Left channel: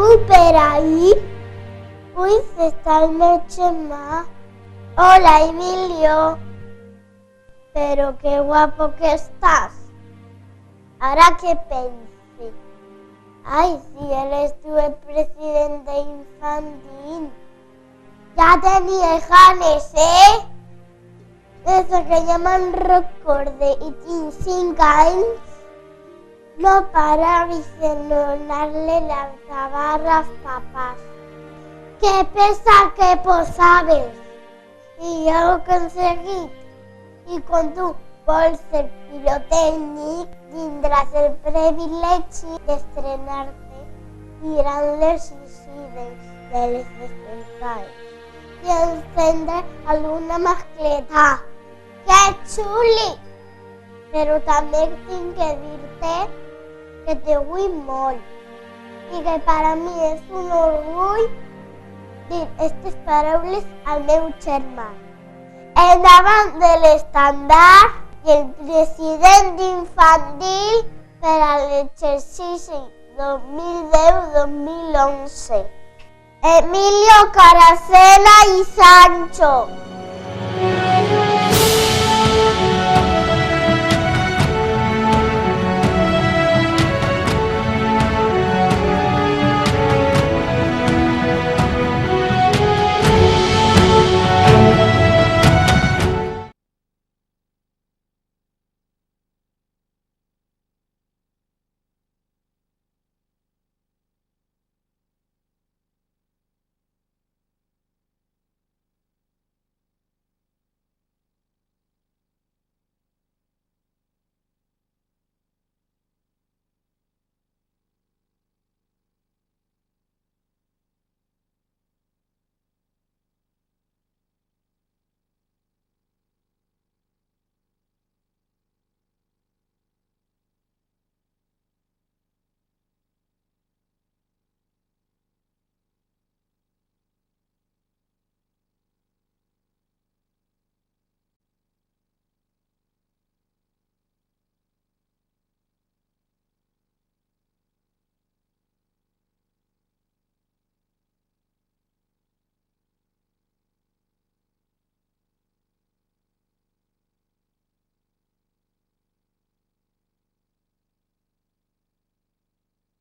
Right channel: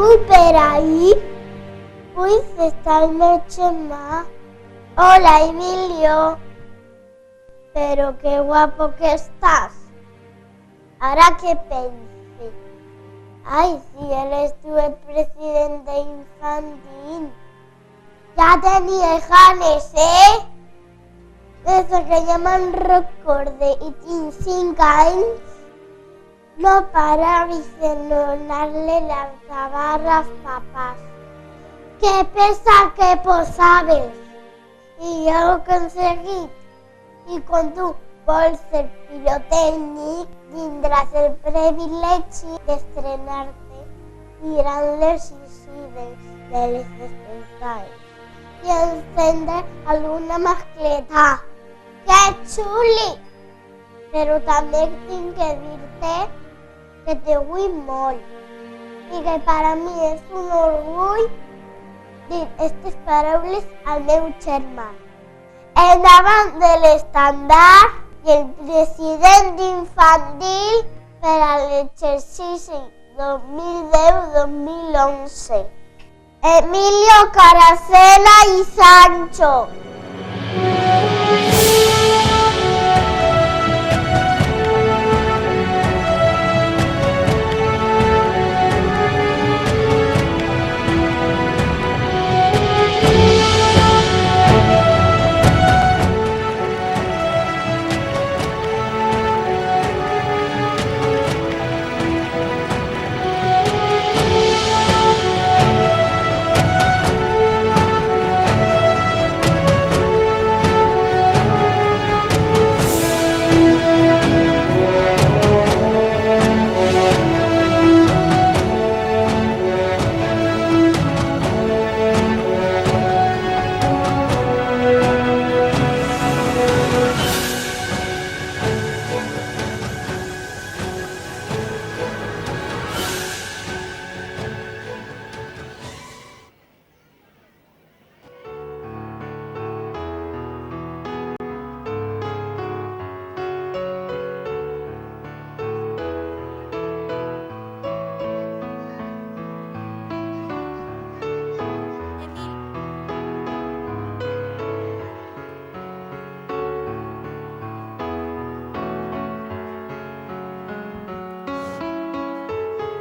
algú per ahí? Uy, está el meu Chema. Hola, Emilio. Pero qué guapo que estás. Ahora que pensé. Ay, si eres tú el presidente infantil. Ya tenía ganes, ¿eh? Desde que ja me'n recorde i tinc 5 anys, no parava de donar-le las tabarras papás. ¡Qué pesa que posaves! I ja ho he aconseguit. I quan tu vols ser pirotècnic, tindràs el privilegi d'estrenar-te mirant les suïcides de les despertades i encendre alguna mascleta. ¡Qué xuli! Però també tinc que dir-te que te vull molt i que per a mi és un orgull dir aquestes paraules al meu germà. Endavant de l'estandard i el president infantil per a l'exercici 2010-2011. Emilio Caracena y Sancho.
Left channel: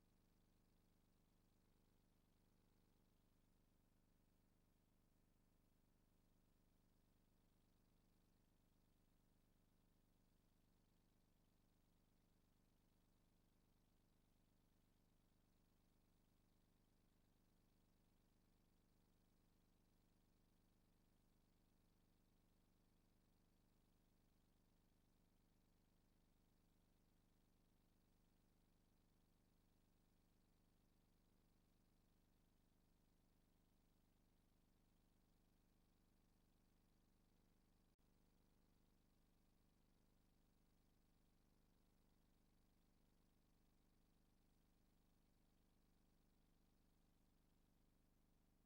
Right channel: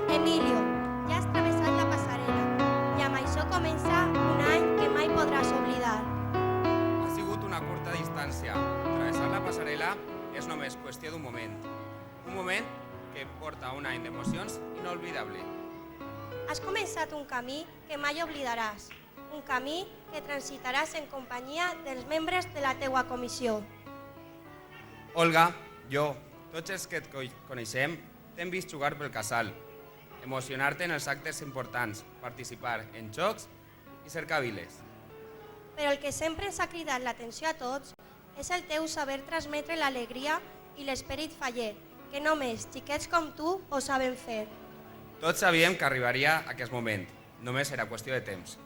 Emilio, ja has travessat la passarel·la i amb això comença un any que mai podràs oblidar. Ha sigut una curta distància. Travessar la passarel·la és només qüestió d'un moment. Un moment que porta un any d'emocions inolvidable. Has començat un camí que mai oblidaràs, un camí que transitaràs en companyia dels membres de la teua comissió. Olga, jo, tots els que et coneixem, t'hem vist jugar pel casal, emocionar-te en els actes importants, participar en jocs i cercar viles. Però el que sempre ens ha cridat l'atenció a tots és el teu saber transmetre l'alegria i l'esperit faller, que només xiquets com tu ho saben fer. Tots sabíem que arribaria aquest moment, només era qüestió de temps.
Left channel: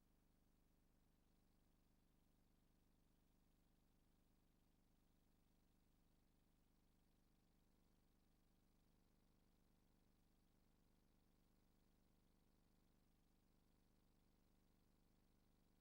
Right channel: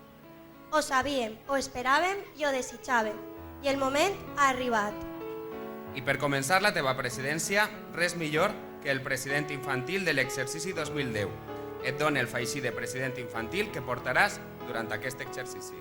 Ho sabíem, ho esperàvem i ho desitjàvem, i el moment ha arribat. I per començar la teva presidència, res millor que el president infantil de l'exercici 2010. Et dona el feixí de president infantil que portaràs durant aquest exercici.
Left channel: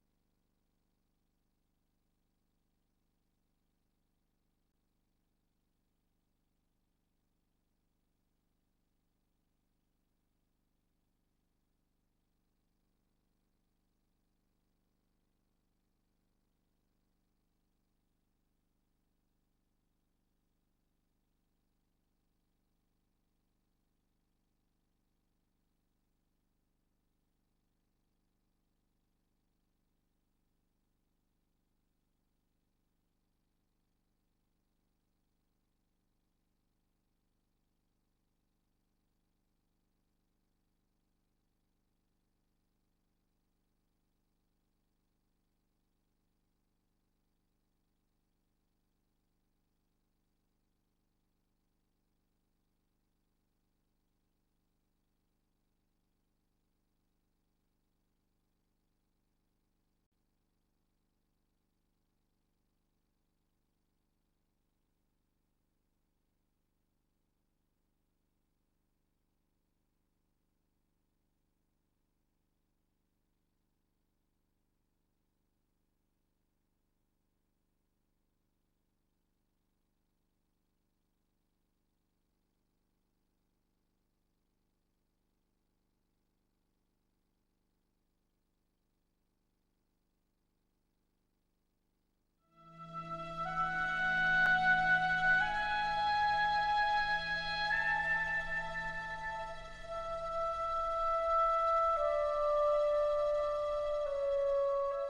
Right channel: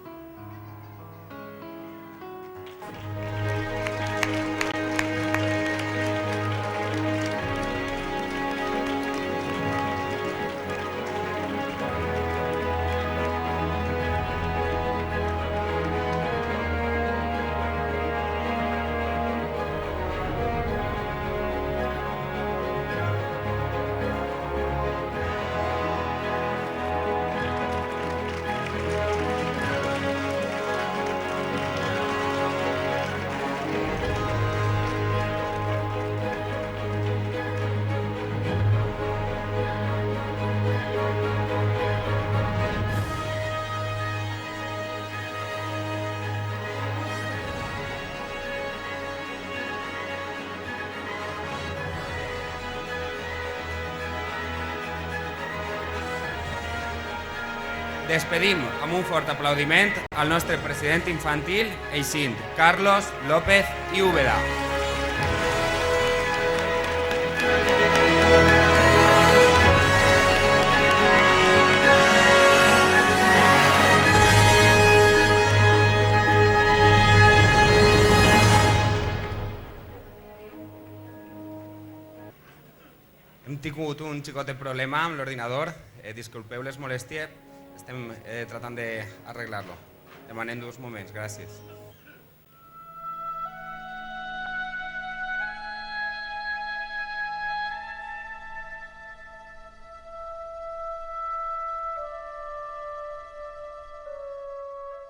Despedim amb un fort aplaudiment al nostre president infantil, eixint Carlos López i Úbeda. tingut un xicotet problema amb l'ordinador. Disculpeu les molèsties, estem tratant d'arreglar-lo. Demanem 2 moments, gràcies.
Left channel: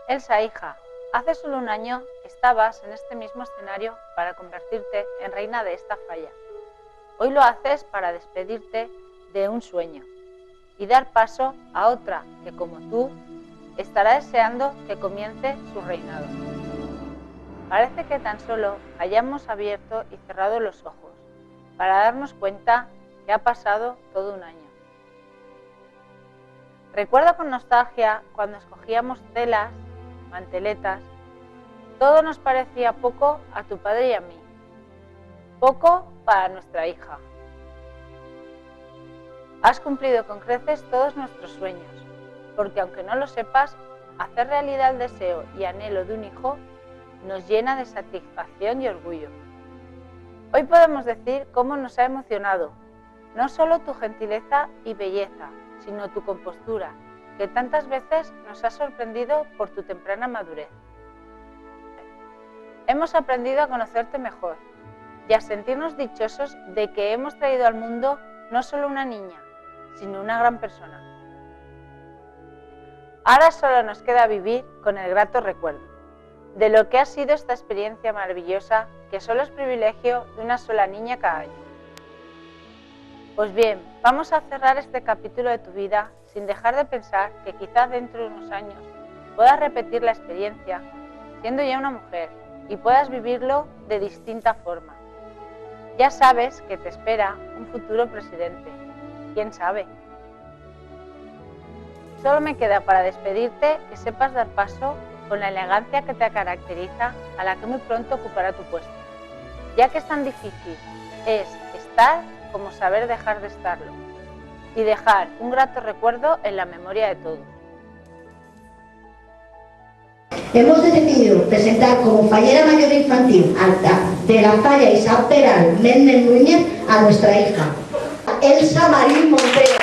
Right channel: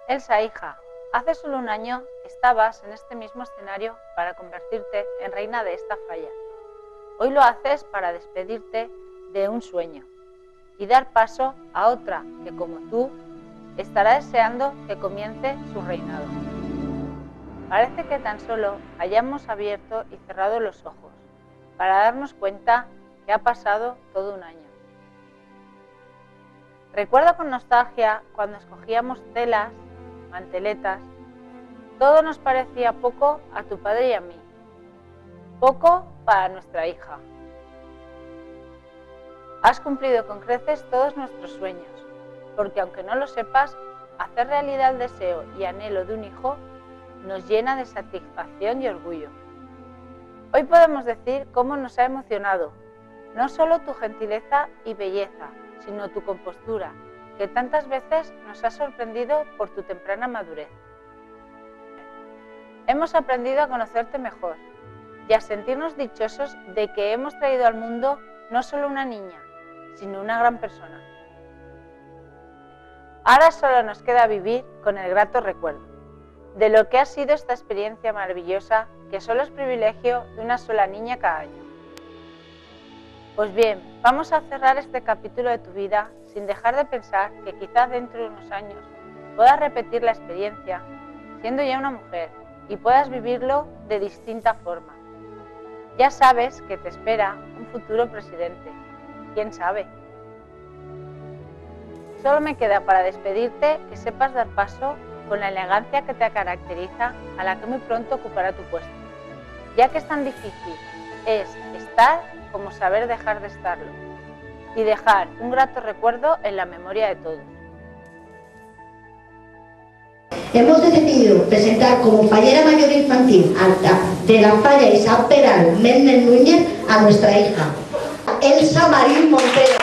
Elsa, hija, hace solo un año estabas en este mismo escenario para convertirte en reina de esta falla. Hoy lo haces para despedirte de un sueño y dar paso a otra que, como tú, estará deseando que comience su reinado. Parece que tan solo hayamos abierto y cerrado los ojos para darnos cuenta que ha pasado todo un año. Recuerdo con nostalgia cuando escogíamos telas, manteletas, todo nos parecía poco a tu padre y a mí, poco para nuestra hija. Has cumplido con creces todos nuestros sueños, porque aunque no lo sepas, hacer realidad el deseo y anhelo de un hijo nos llena de satisfacción y orgullo. Hoy podemos decir cómo nos ha emocionado, no solo tu gentileza y belleza, sino tu compostura, que tantas veces nos ha sorprendido por tu temprana madurez. Hemos aprendido a conocerte mejor y a sentirnos dichosos de que hemos traído al mundo no solo una niña, sino una gran persona. Ahora solo nos queda vivir con el grato recuerdo de lo que ha sido esta experiencia maravillosa que solo es privilegio de una sola niña cada año. Pues bien, vamos a cerrar este capítulo de tu vida sin dejar de pensar que quizás dentro de unos años puedas repetir la experiencia siendo ya una mujer y puedas vivirlo de distinta forma. Ya sabes que te espera un futuro presidente. ¿Quién sabe? Solo me queda para despedirte que sepas dar paso con la elegancia que te caracteriza, a la que muy pronto ocupará tu puesto, ya que es tan difícil es estar como saber dejar de estarlo y dejar un grato recuerdo en la memoria de todos. Hemos decidido presentar como fallera mayor infantil de la falla Isabel Peral Méndez Núñez a nuestra hija, Elsa Marín Montero.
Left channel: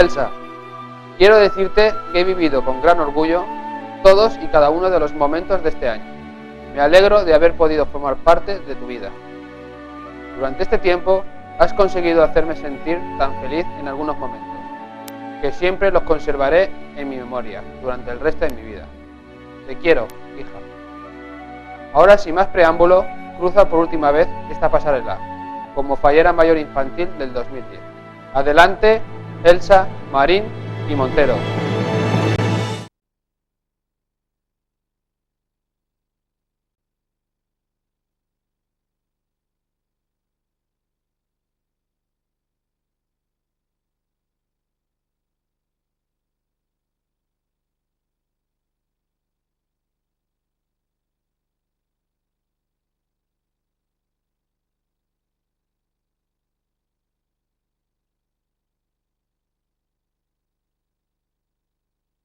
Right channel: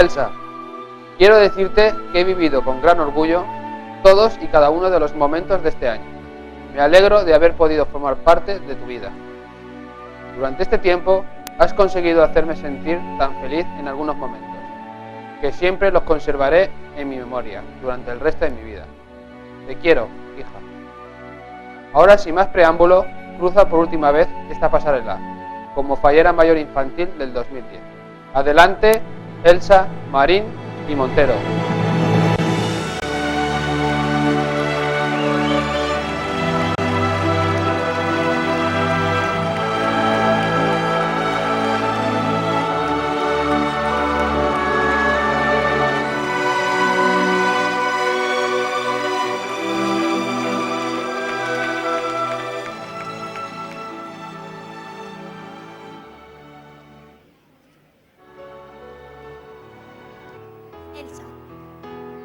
Elsa, quiero decirte que he vivido con gran orgullo todos y cada uno de los momentos de este año. Me alegro de haber podido formar parte de tu vida. Durante este tiempo has conseguido hacerme sentir tan feliz en algunos momentos, que siempre los conservaré en mi memoria durante el resto de mi vida. Te quiero, hija. Ahora, sin más preámbulo, cruza por última vez esta pasarela, como fallera mayor infantil del 2010. Adelante, Elsa, Marín y Montero.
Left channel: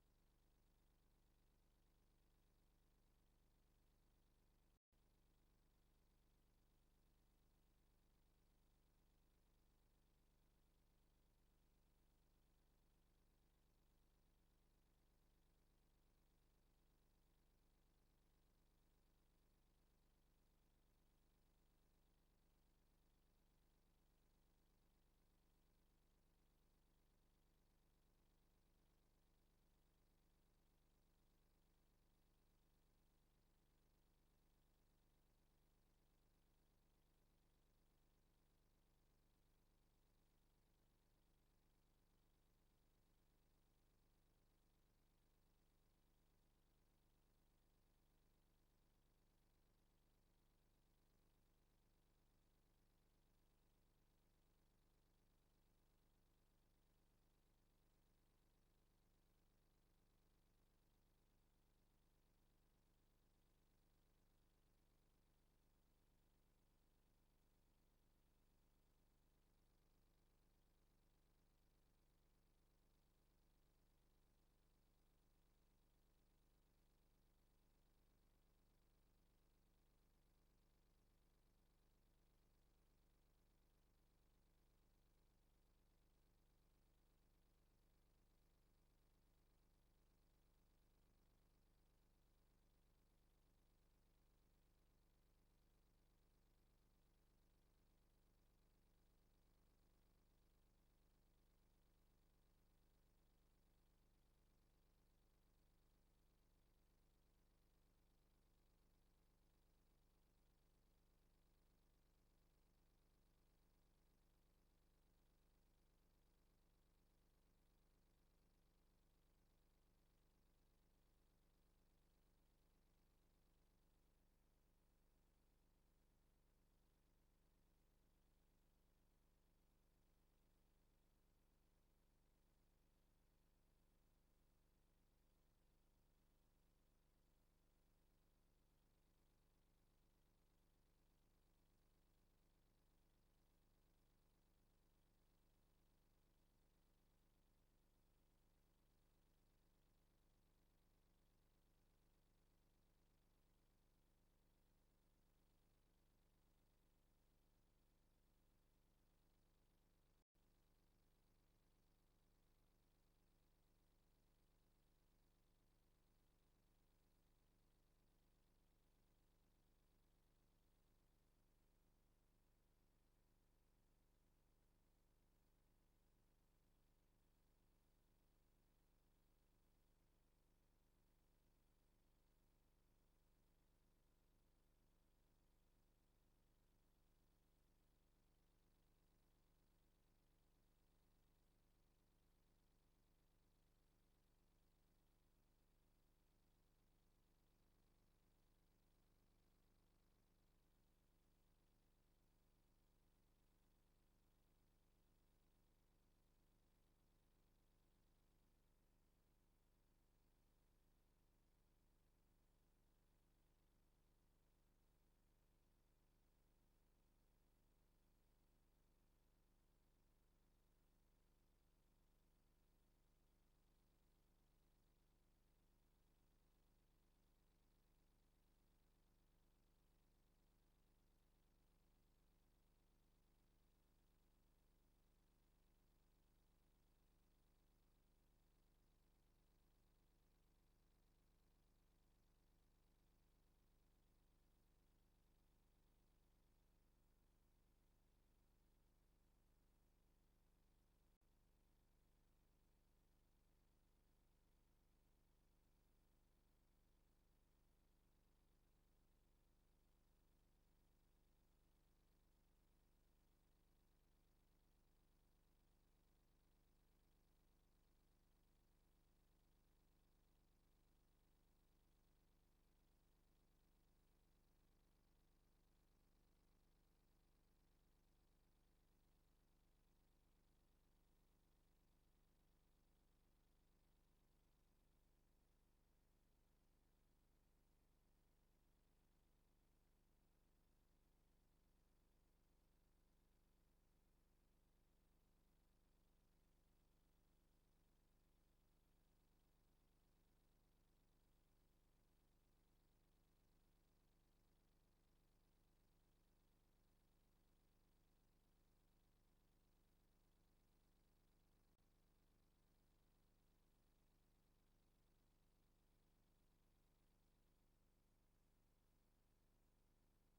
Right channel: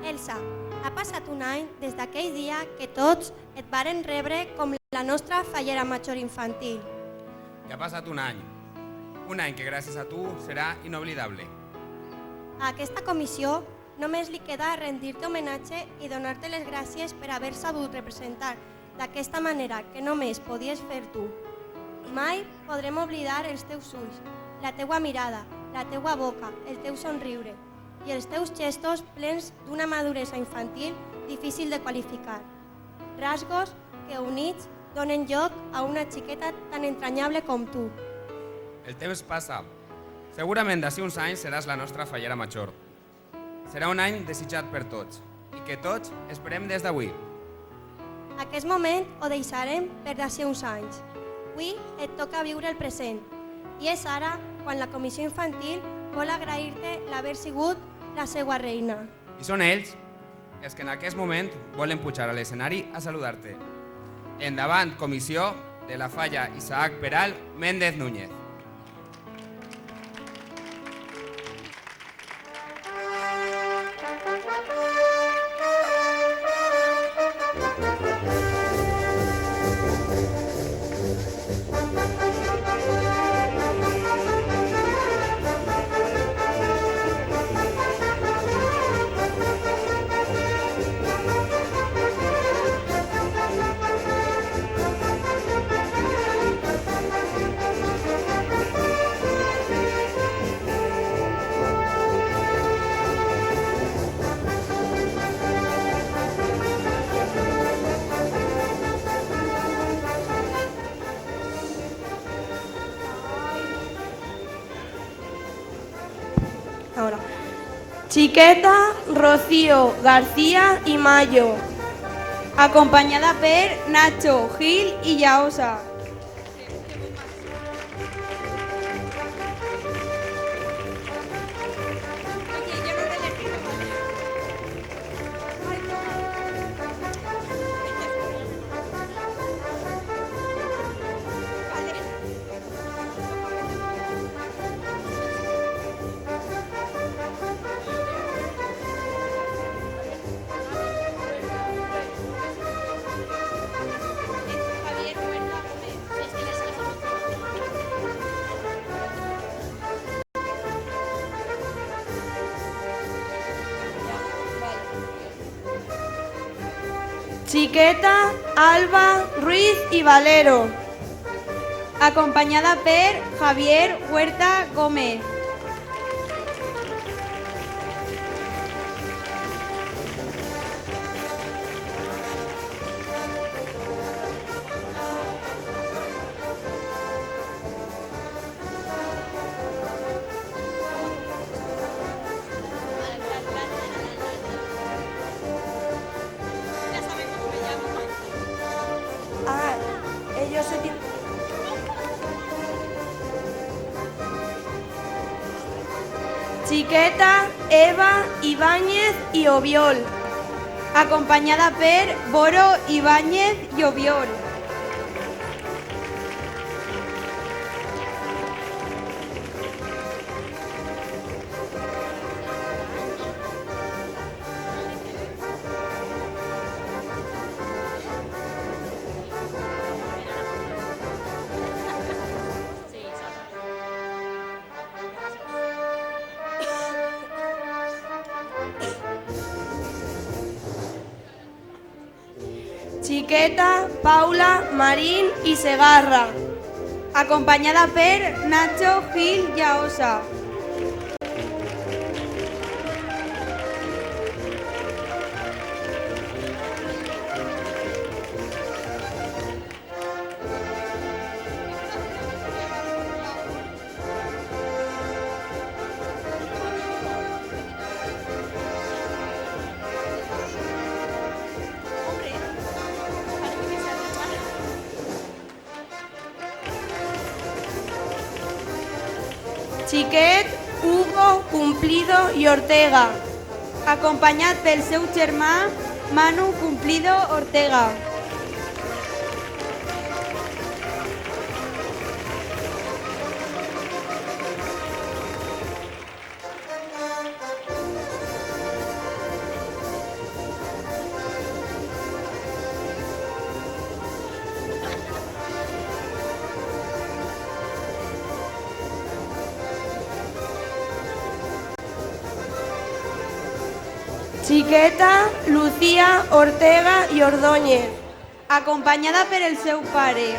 Elsa, ha passat un any des d'aquell dia que tots et varen rebre com la nostra fallera major infantil. Ja ha passat un any que gràcies a tu serà inoblidable. A aquesta comissió només li queda rendir-te homenatge i donar-te les gràcies per haver sabut representar d'aquesta manera que només podies fer tu. Mai podrem oblidar els teus ulls, la teua mirada, la teua boca, el teu somriure i els teus gestos plens d'una maduresa infantil difícil de qualificar. Rasgos que units donen lloc a una xiqueta tan entranyable com tu. El temps passa. Segurament d'ací uns anys seràs la nostra fallera major. Serà un any desitjat per tots i que tots esperem des d'avui. Aquest moment ho deixarem per d'ací uns anys. Avui et toca viure el present i és ara quan la comissió infantil vol agrair-te l'haver sigut la seva reina. I són ells els que en aquest moment volen pujar a l'escenari a saludar-te. Endavant, comissió de la falla Isaac Peral Méndez Núñez. Ahora. Chiqueta, Rocío, García y Mayo, acompañada por Nacho, Gil y Yaosa. Chiqueta, Alba, Ruiz y Valero, acompañada por Javier Huerta Gómez. Chiqueta, Eva, Ibáñez y Obiol, acompañada por Boro, Ibáñez y Obiol. Chiqueta, Paula, Marín i Segarra, acompanyada per Nacho, Gil i Aosa. Xiquet, Hugo, Cumplido i Ortega, acompanyat pel seu germà Manu Cumplido Ortega. Chiqueta, Lucía, Ortega i Ordóñez, acompanyada per el seu pare.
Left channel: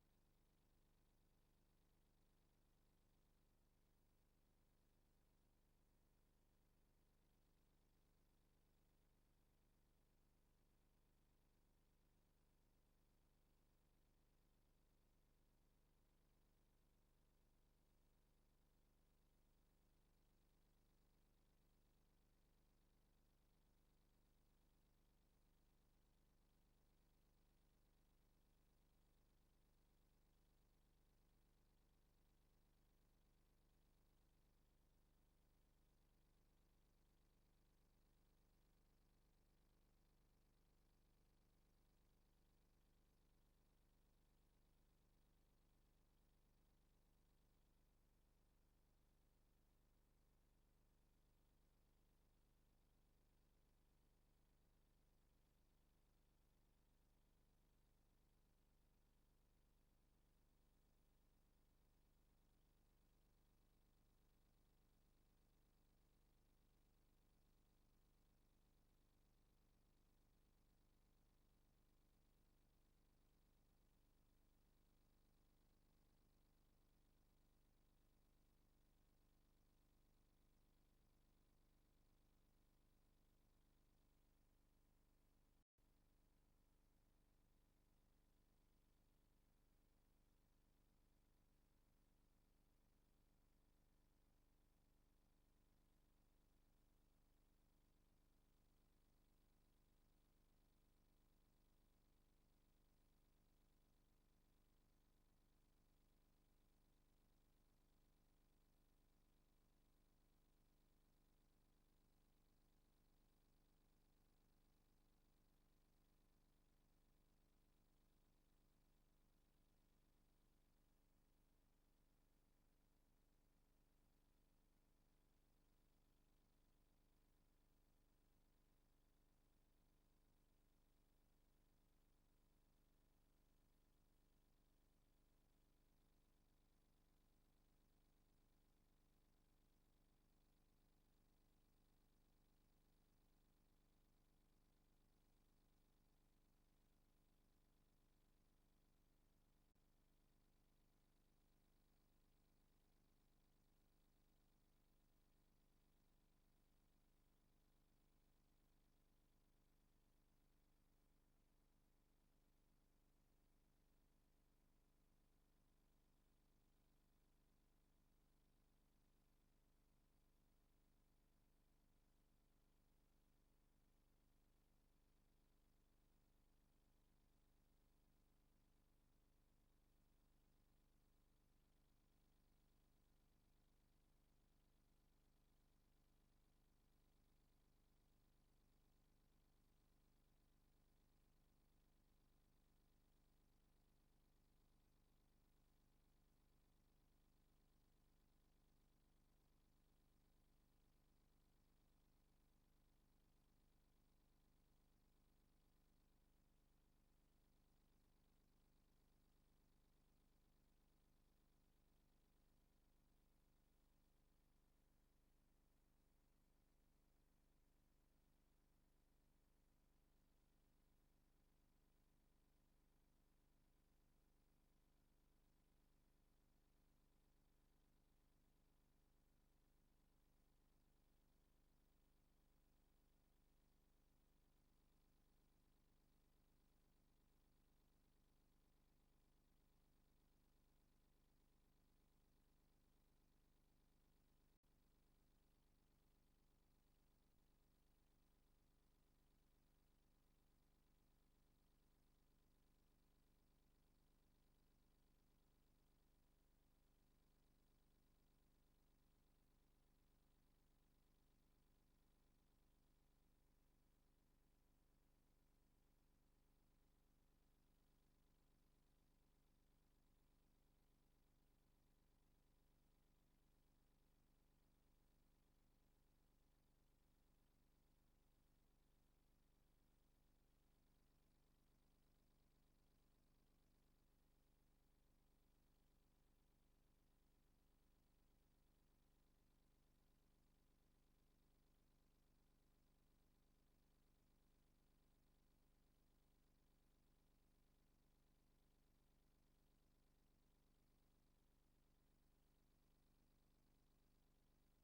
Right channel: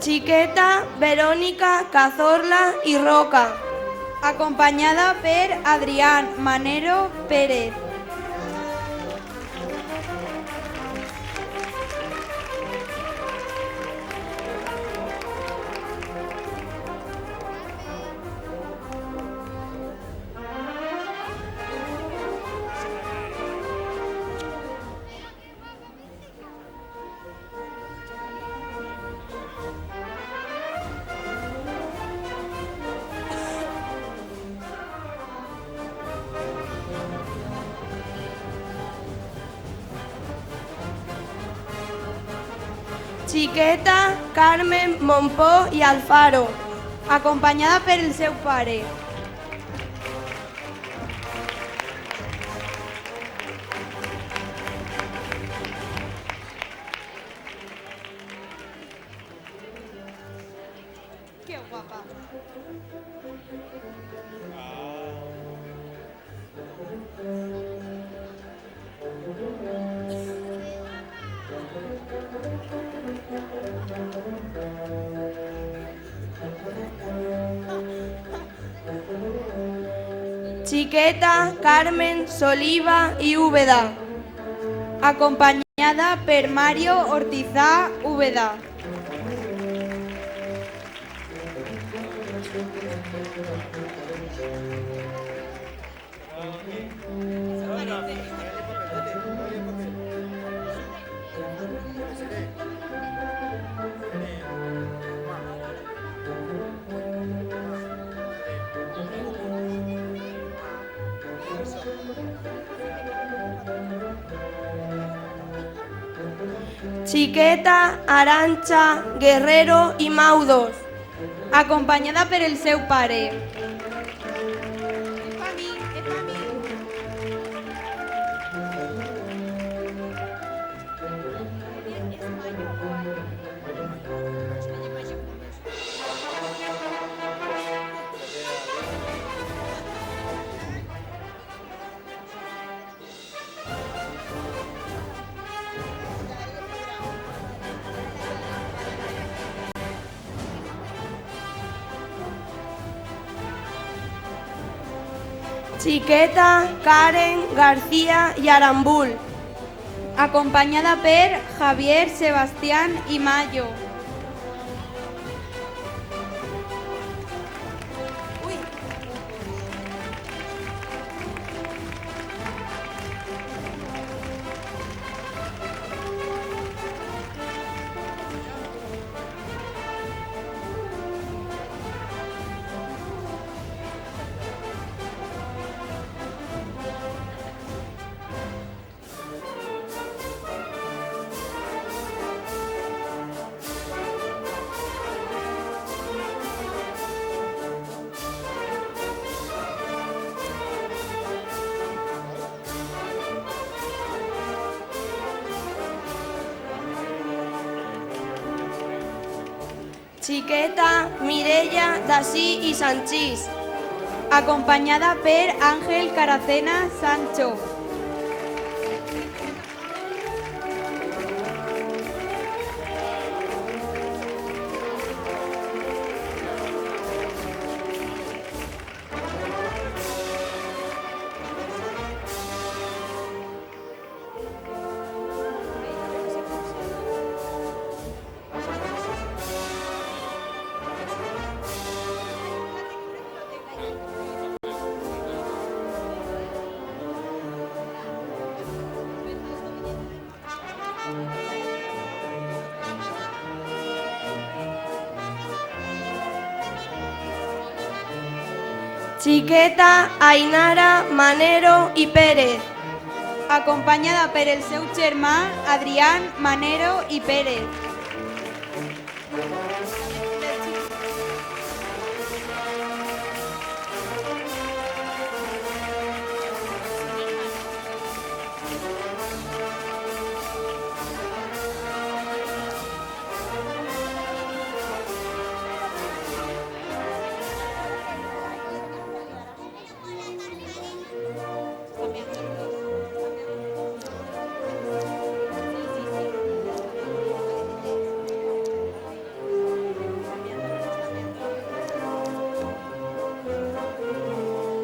Chiqueta, Verónica, Cazorla i Roca, acompanyada per Adrián Manero Pérez. Chiqueta, Carmen, Montpó i Alfaro, acompanyada per el seu pare. Que guapa. Chiqueta, Carmen, Soliva i Úbeda, acompanyada per Mario Ortizá Úbeda. Chiqueta, Arantxa, Guerrero i Maudos, acompanyada per el seu pare. Chiqueta, Karen, García i Arambul, acompanyada per Javier, Sebastián i Mayo. Chiqueta Mireia Dací i Sanchís, acompanyada per Àngel Caracena Sancho. Chiqueta Ainara Manero i Pérez, acompanyada per el seu germà Adrián Manero i Pérez.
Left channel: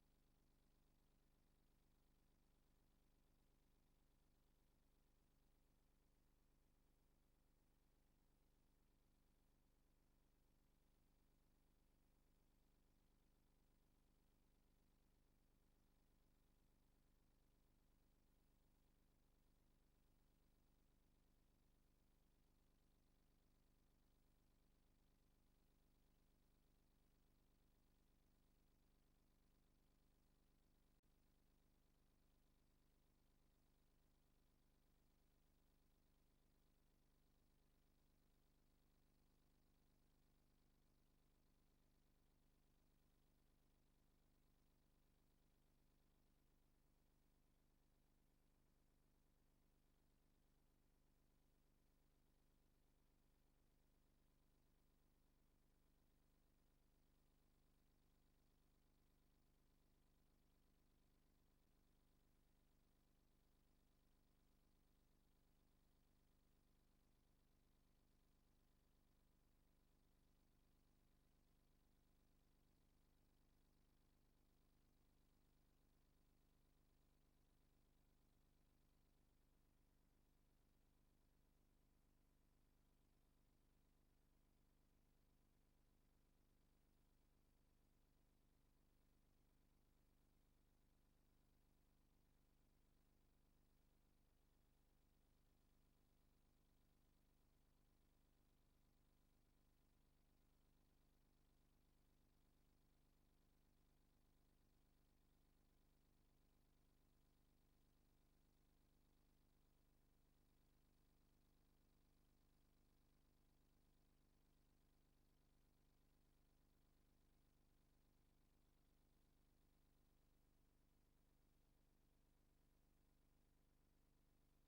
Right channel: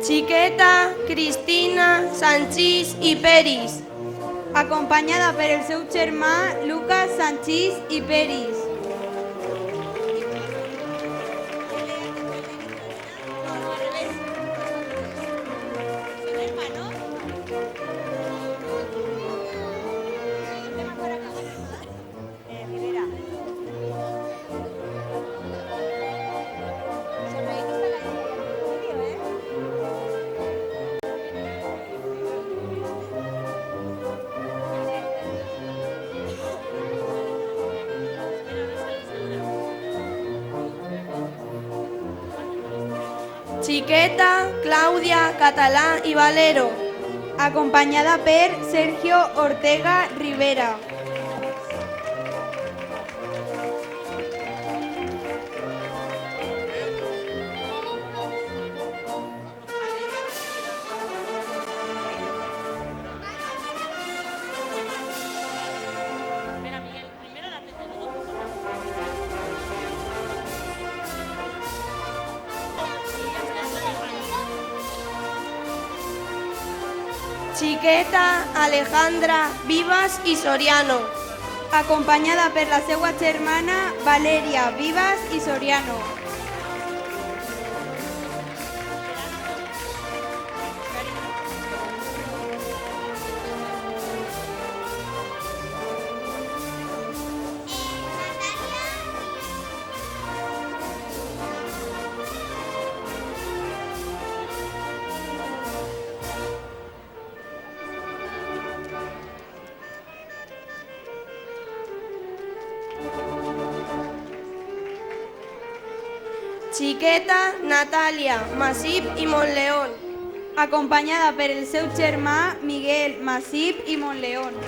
Chiqueta Cristina Sanchís i Peris, acompanyada per el seu germà Lucas Sanchís i Peris. Chiqueta Clàudia Català i Valero, acompanyada per Sergio Ortega Rivera. Chiqueta Alejandra Vivas i Soriano, acompanyada per la seva germana Valeria Vivas i Soriano. Chiqueta Natàlia Masip i Montleón, acompanyada per el seu germà Miguel Masip i Montleón.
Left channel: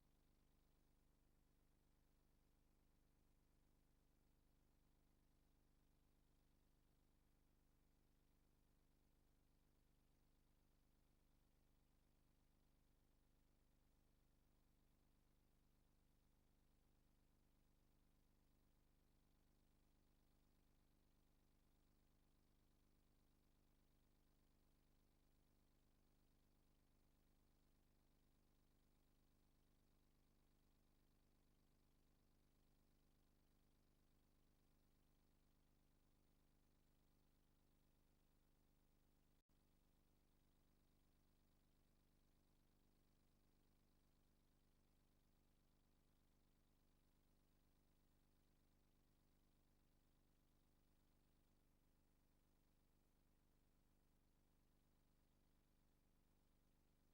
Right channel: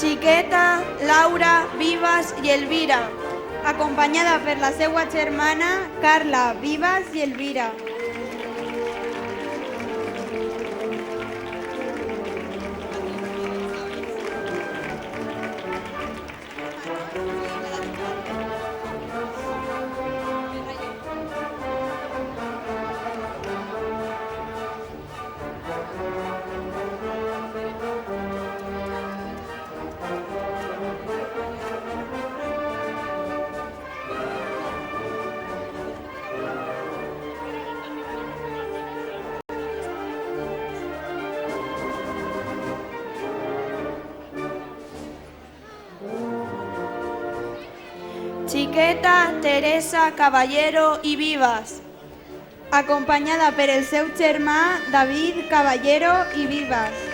Chiqueta Laura Vivas i Elvira, acompanyada per la seva germana Carla Vivas i Elvira. Chiqueta Teresa Caballero i Vivas, acompanyada per el seu germà David Caballero i Vives.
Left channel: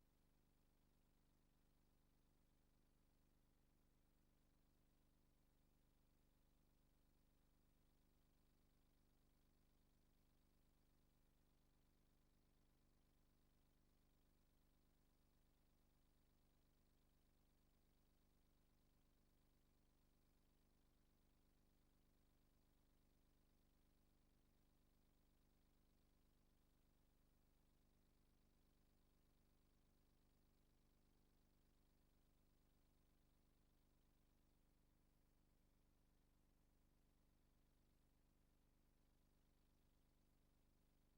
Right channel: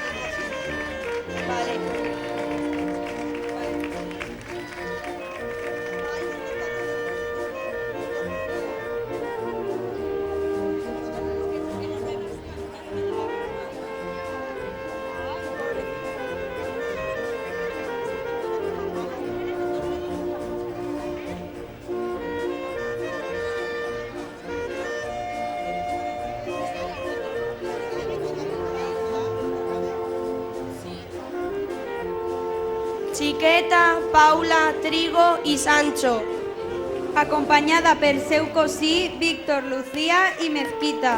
Chiqueta, Paula, Trigo i Sancho, acompanyada pel seu cosí Víctor Lucía i Mezquita.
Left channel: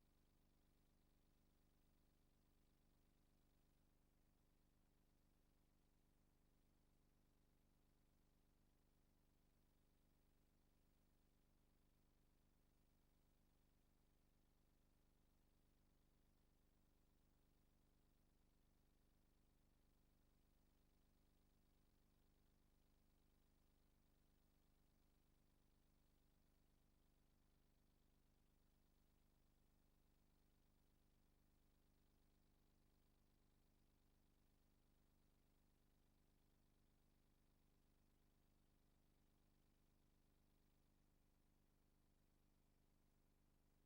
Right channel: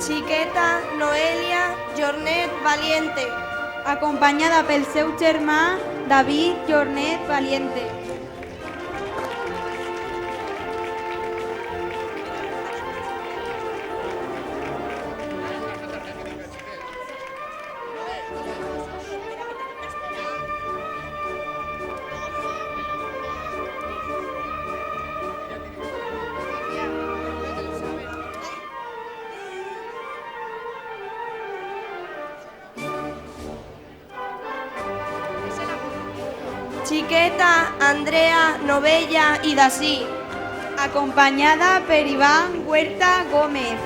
Chiqueta, Noelia, Jornet Valiente, acompanyada pel seu germà David Jornet Valiente. Chiqueta, Andrea, Novella i Dací, acompanyada per Iván Huerta Gómez.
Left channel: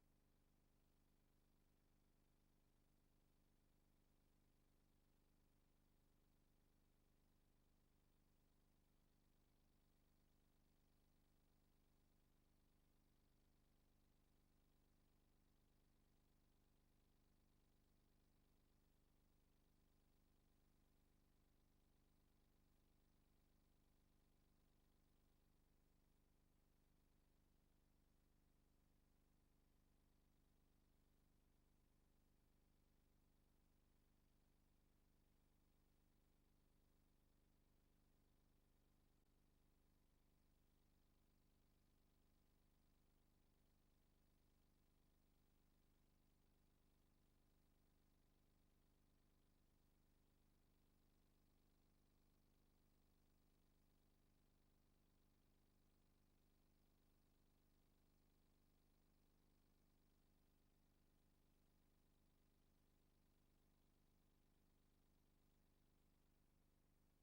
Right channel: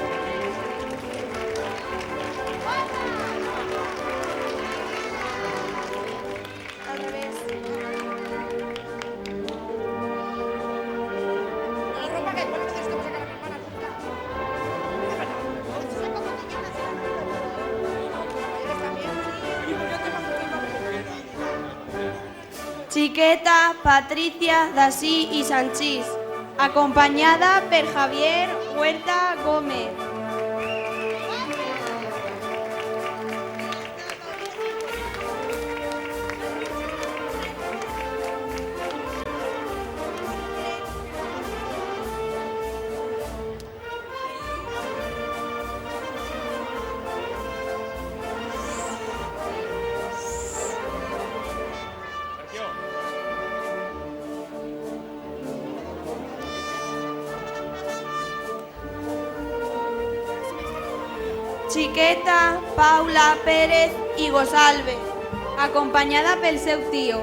Chiqueta, Patricia, Dací i Sanchís, acompanyada per Javier Huerta Gómez. Chiqueta, Paula, Pérez i Gosalve, acompanyada pel seu tio.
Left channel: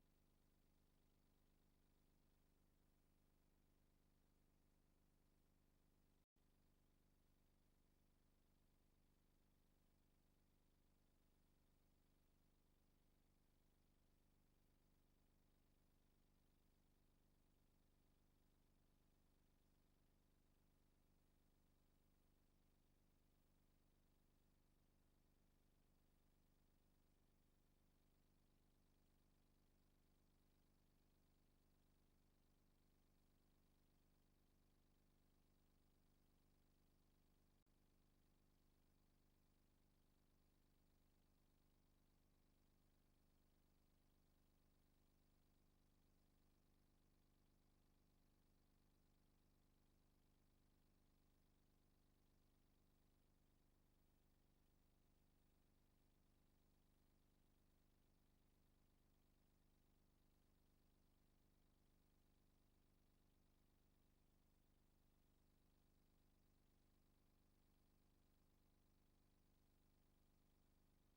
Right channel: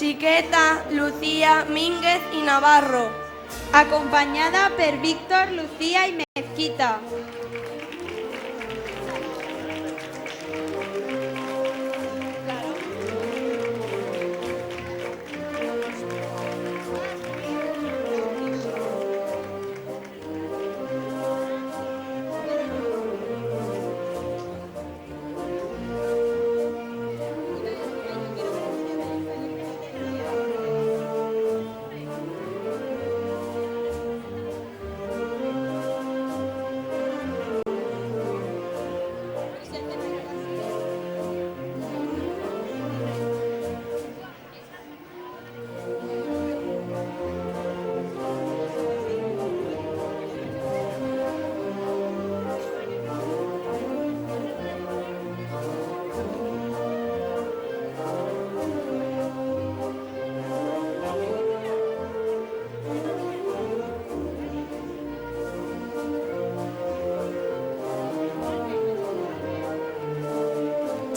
Chiqueta, Lucía, Mínguez i Navarro, acompanyada per Víctor, Lucía i Mezquita.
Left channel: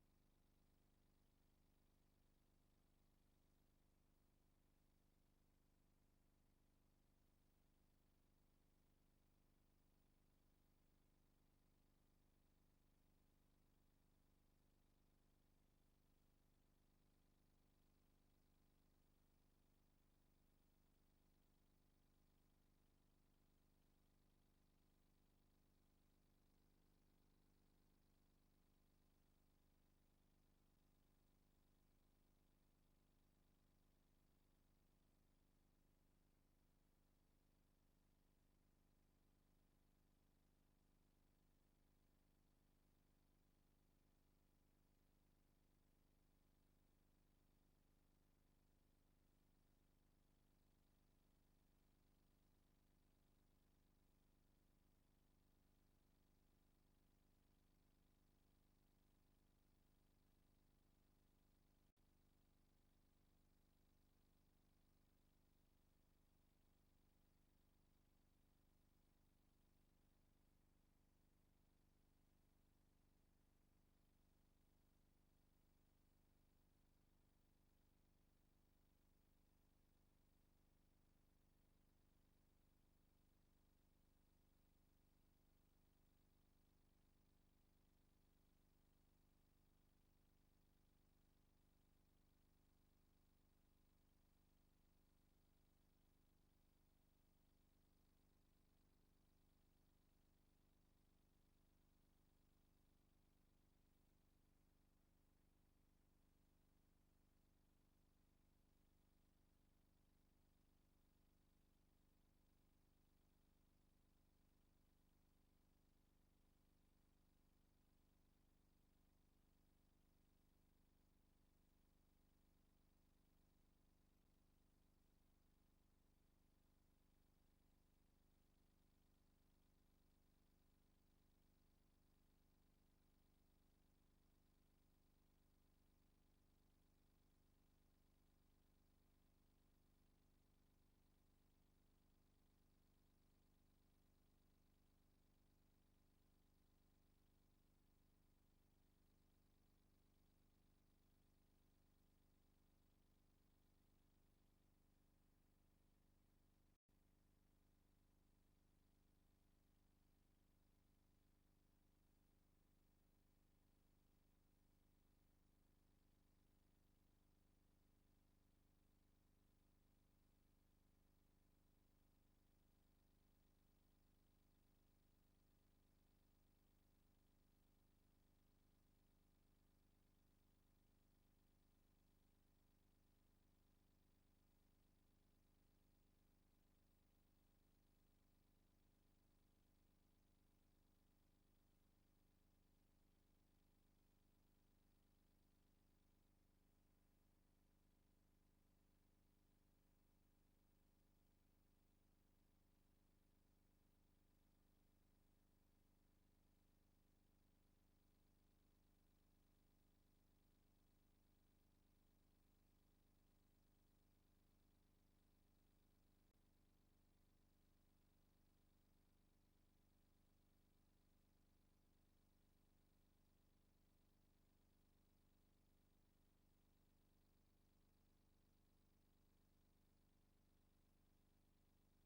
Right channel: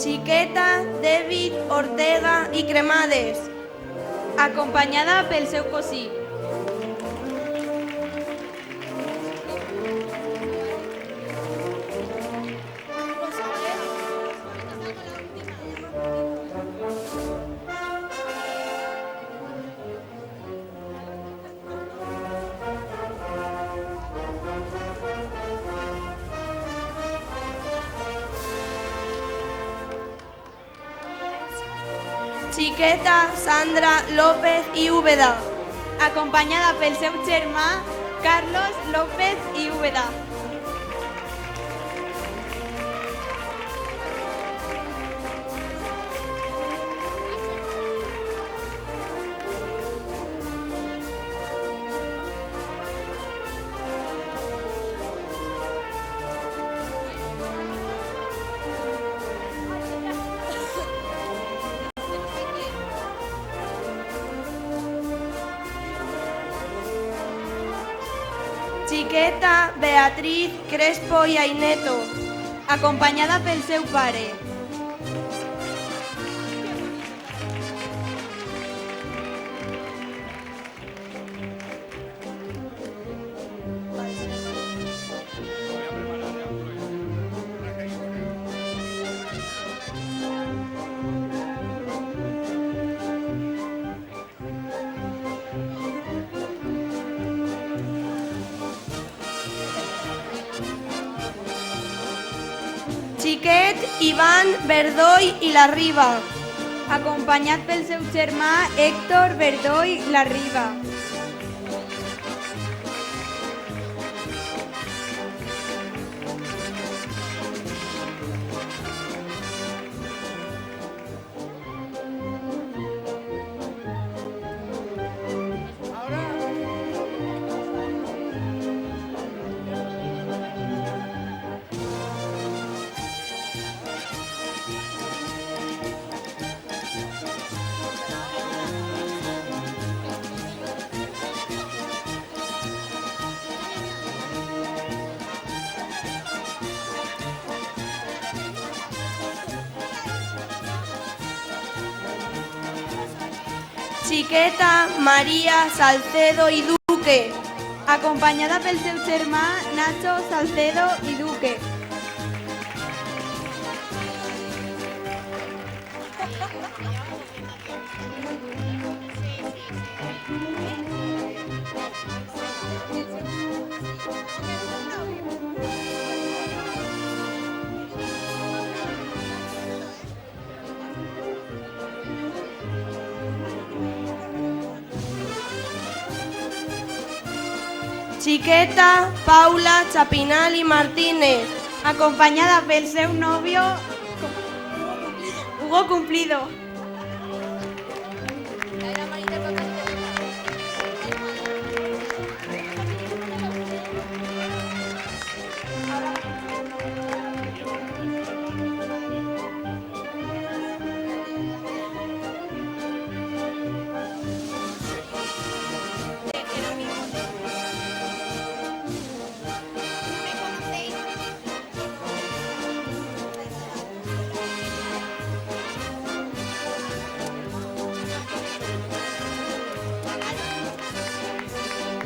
Xiqueta David Ortega i Cremades, acompanyada pel seu cosí. Xiqueta Sandra López i Úbeda, acompanyada pel seu germà Carlos López i Úbeda. Xiqueta Beatriz Crespo i Aineto, acompanyada pel seu pare. Xiquet Ivan Verdoy i la Riba, acompanyat pel seu germà Héctor Verdoy la Riba. Xiqueta Maria Salcedo i Duque, acompanyada pel seu germà Nacho Salcedo i Duque. Xiqueta Paula Chapinal i Martínez, acompanyada pel seu nòvio Hugo Cumplido.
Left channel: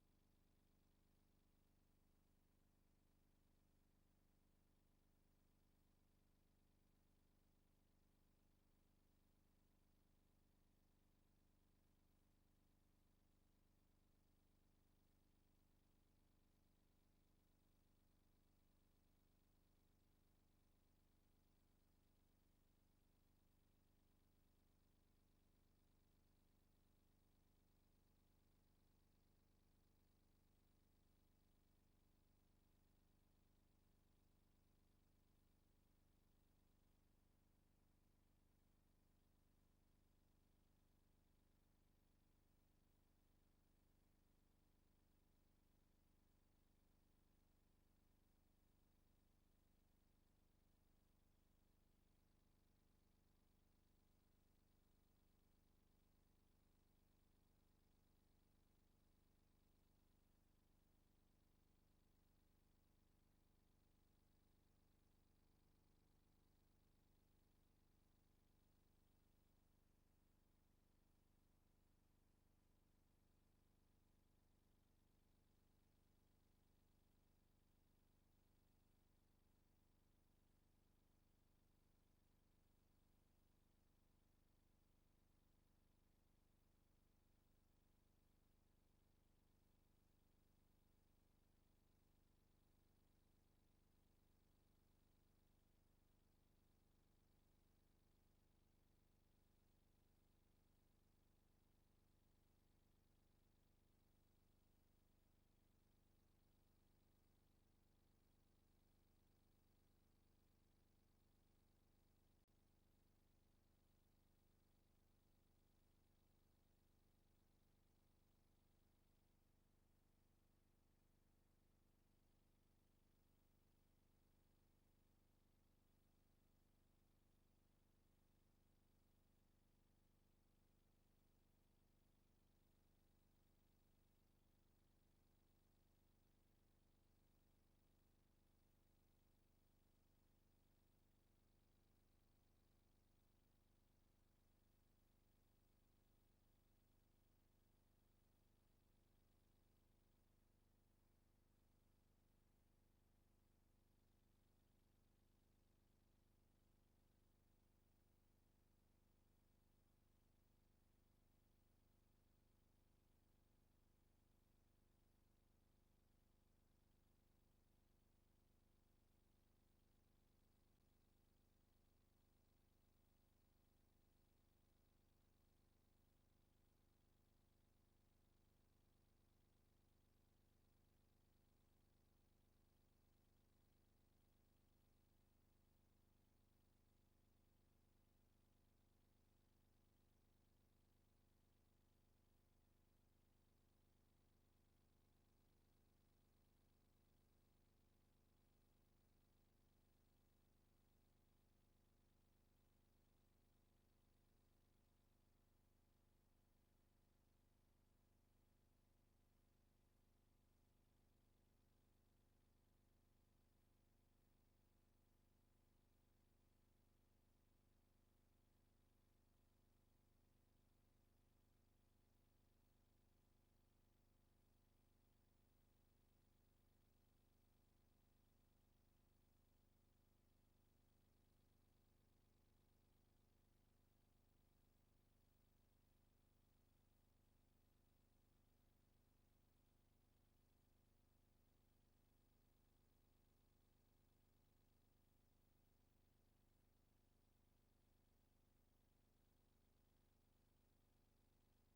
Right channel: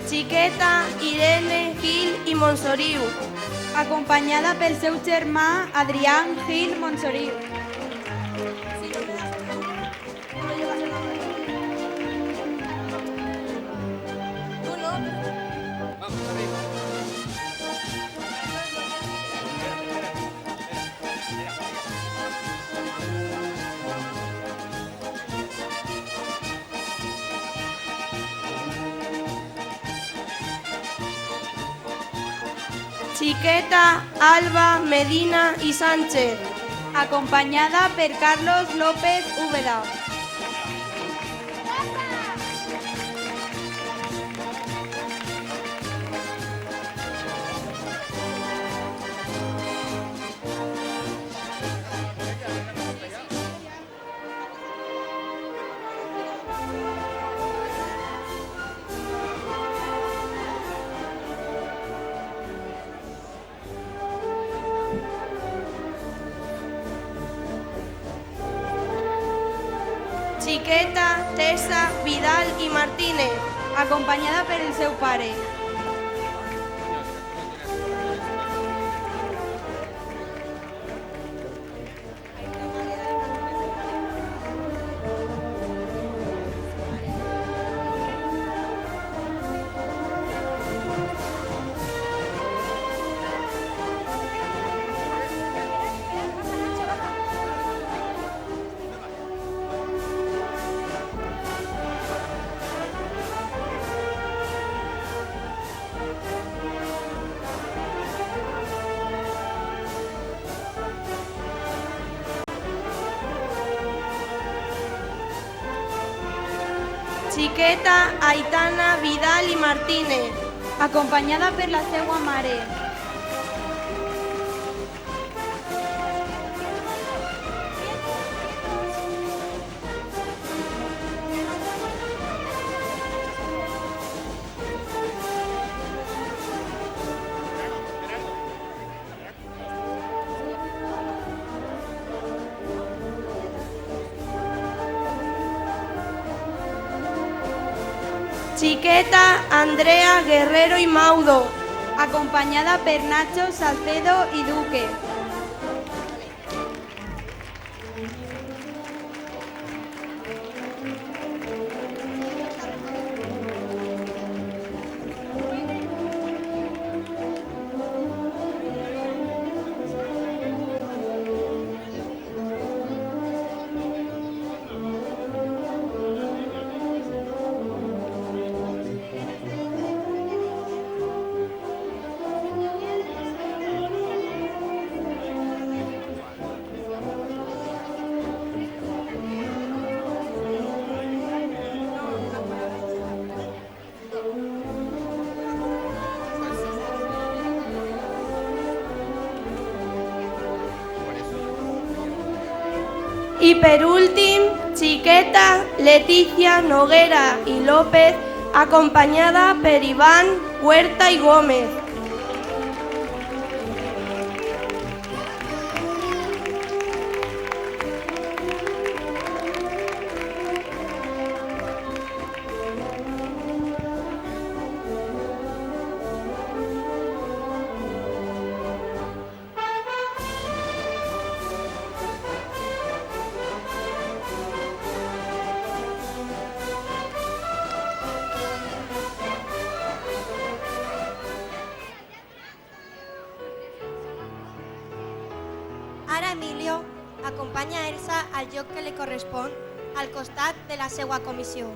Xiqueta Irene Gil i Montsoriu, acompanyada pel seu germà Adrián Gil Montsoriu. Xiqueta Alba Medina i Sánchez, acompanyada per Carlos López Úbeda. Xiqueta Tessa Vidal i Martínez, acompanyada per el seu pare. Xiqueta Aitana Vidal i Martínez, acompanyada per la seva mare. Xiqueta Andrea Guerrero i Maudo, acompanyada per Nacho Salcedo i Duque. I per últim, Xiqueta Leticia Noguera i López, acompanyada per Iván Huerta i Gómez. Ara Emilio acompanya Elsa al lloc que li correspon al costat de la seva comissió.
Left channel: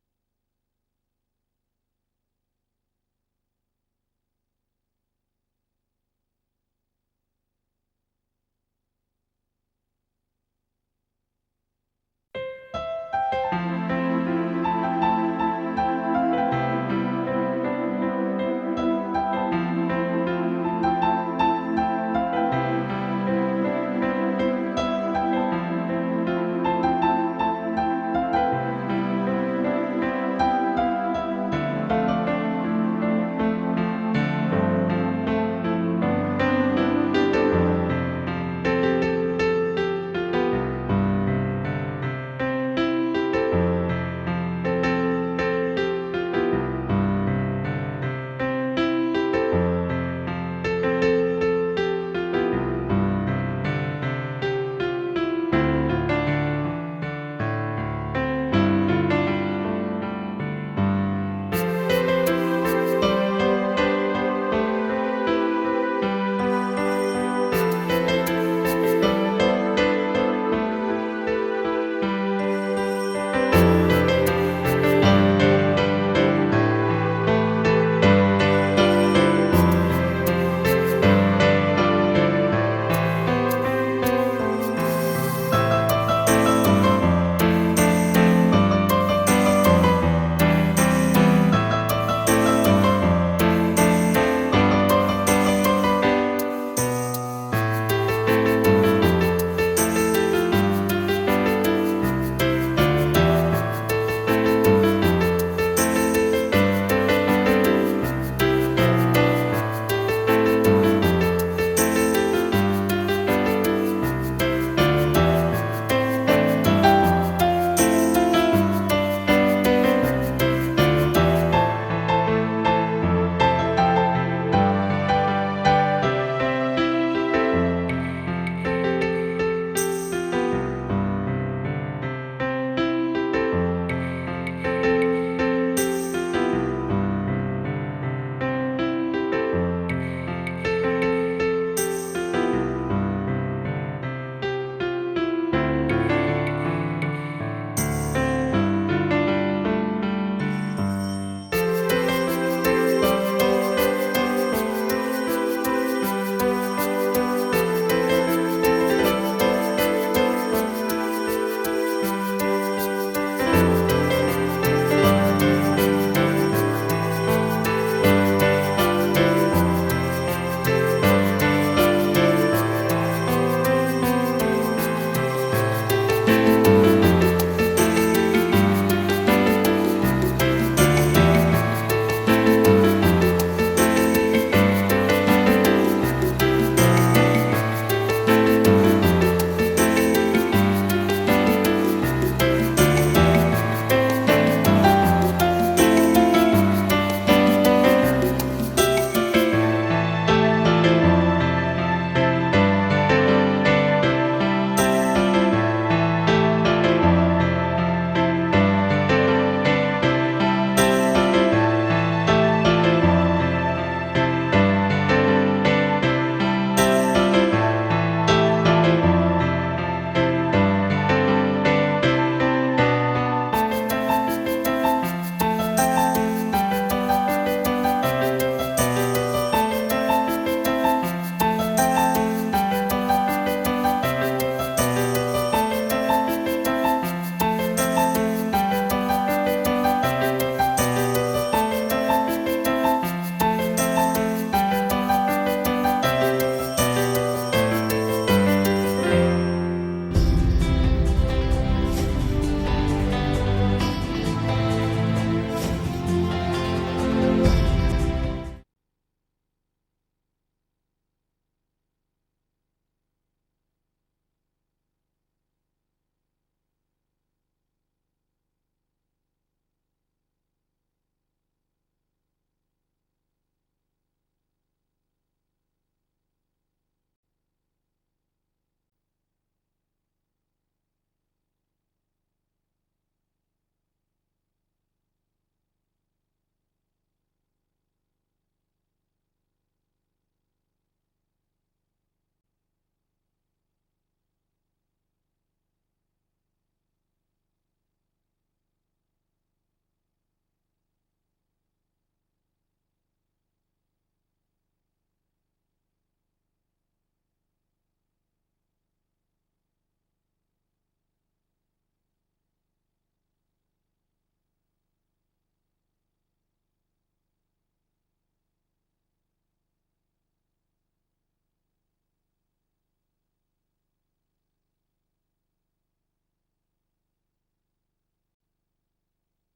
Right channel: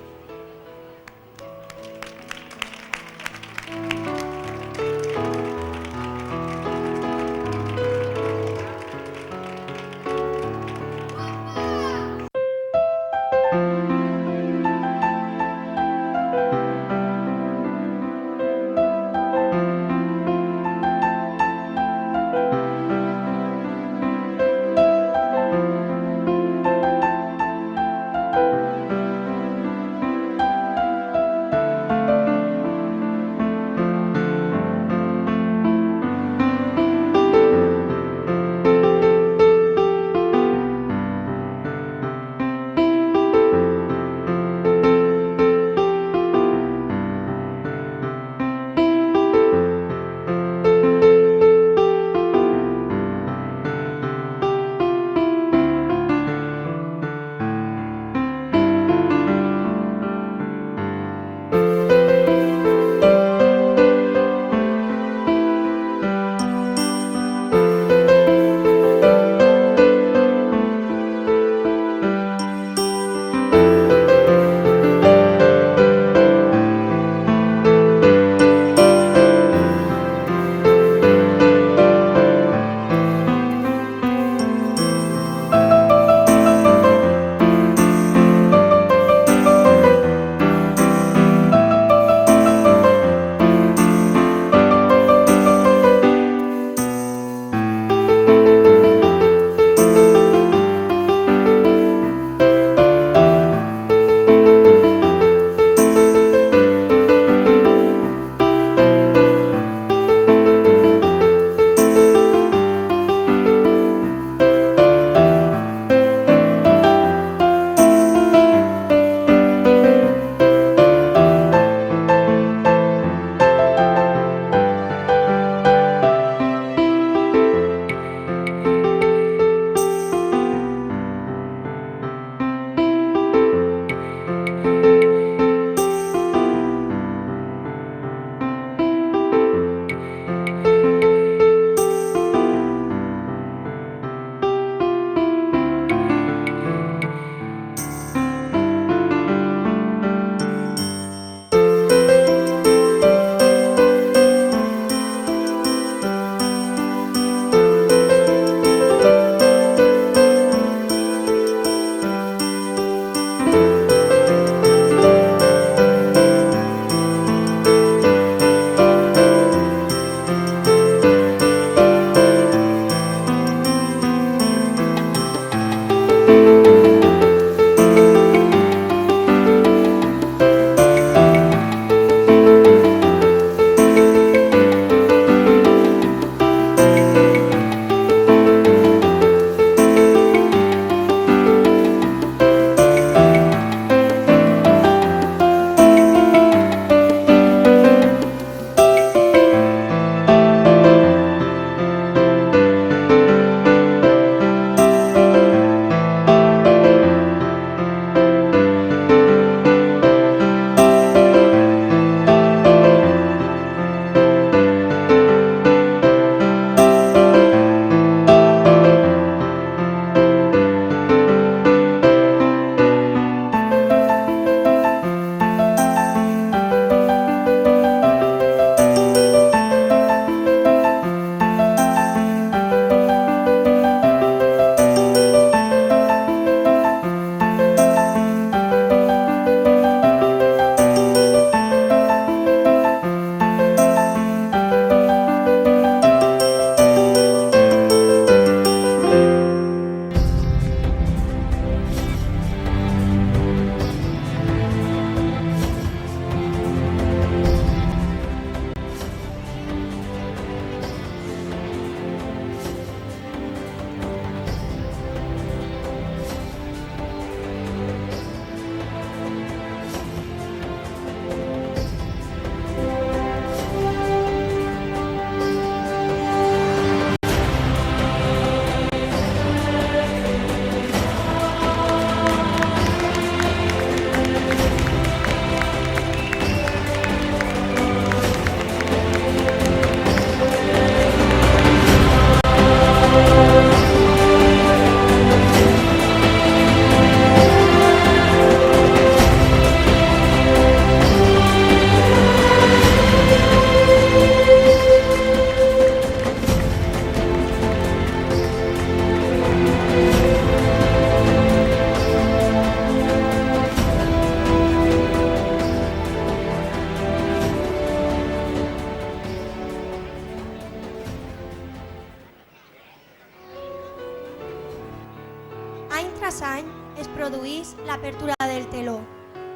pas any es produís l'apertura del teló,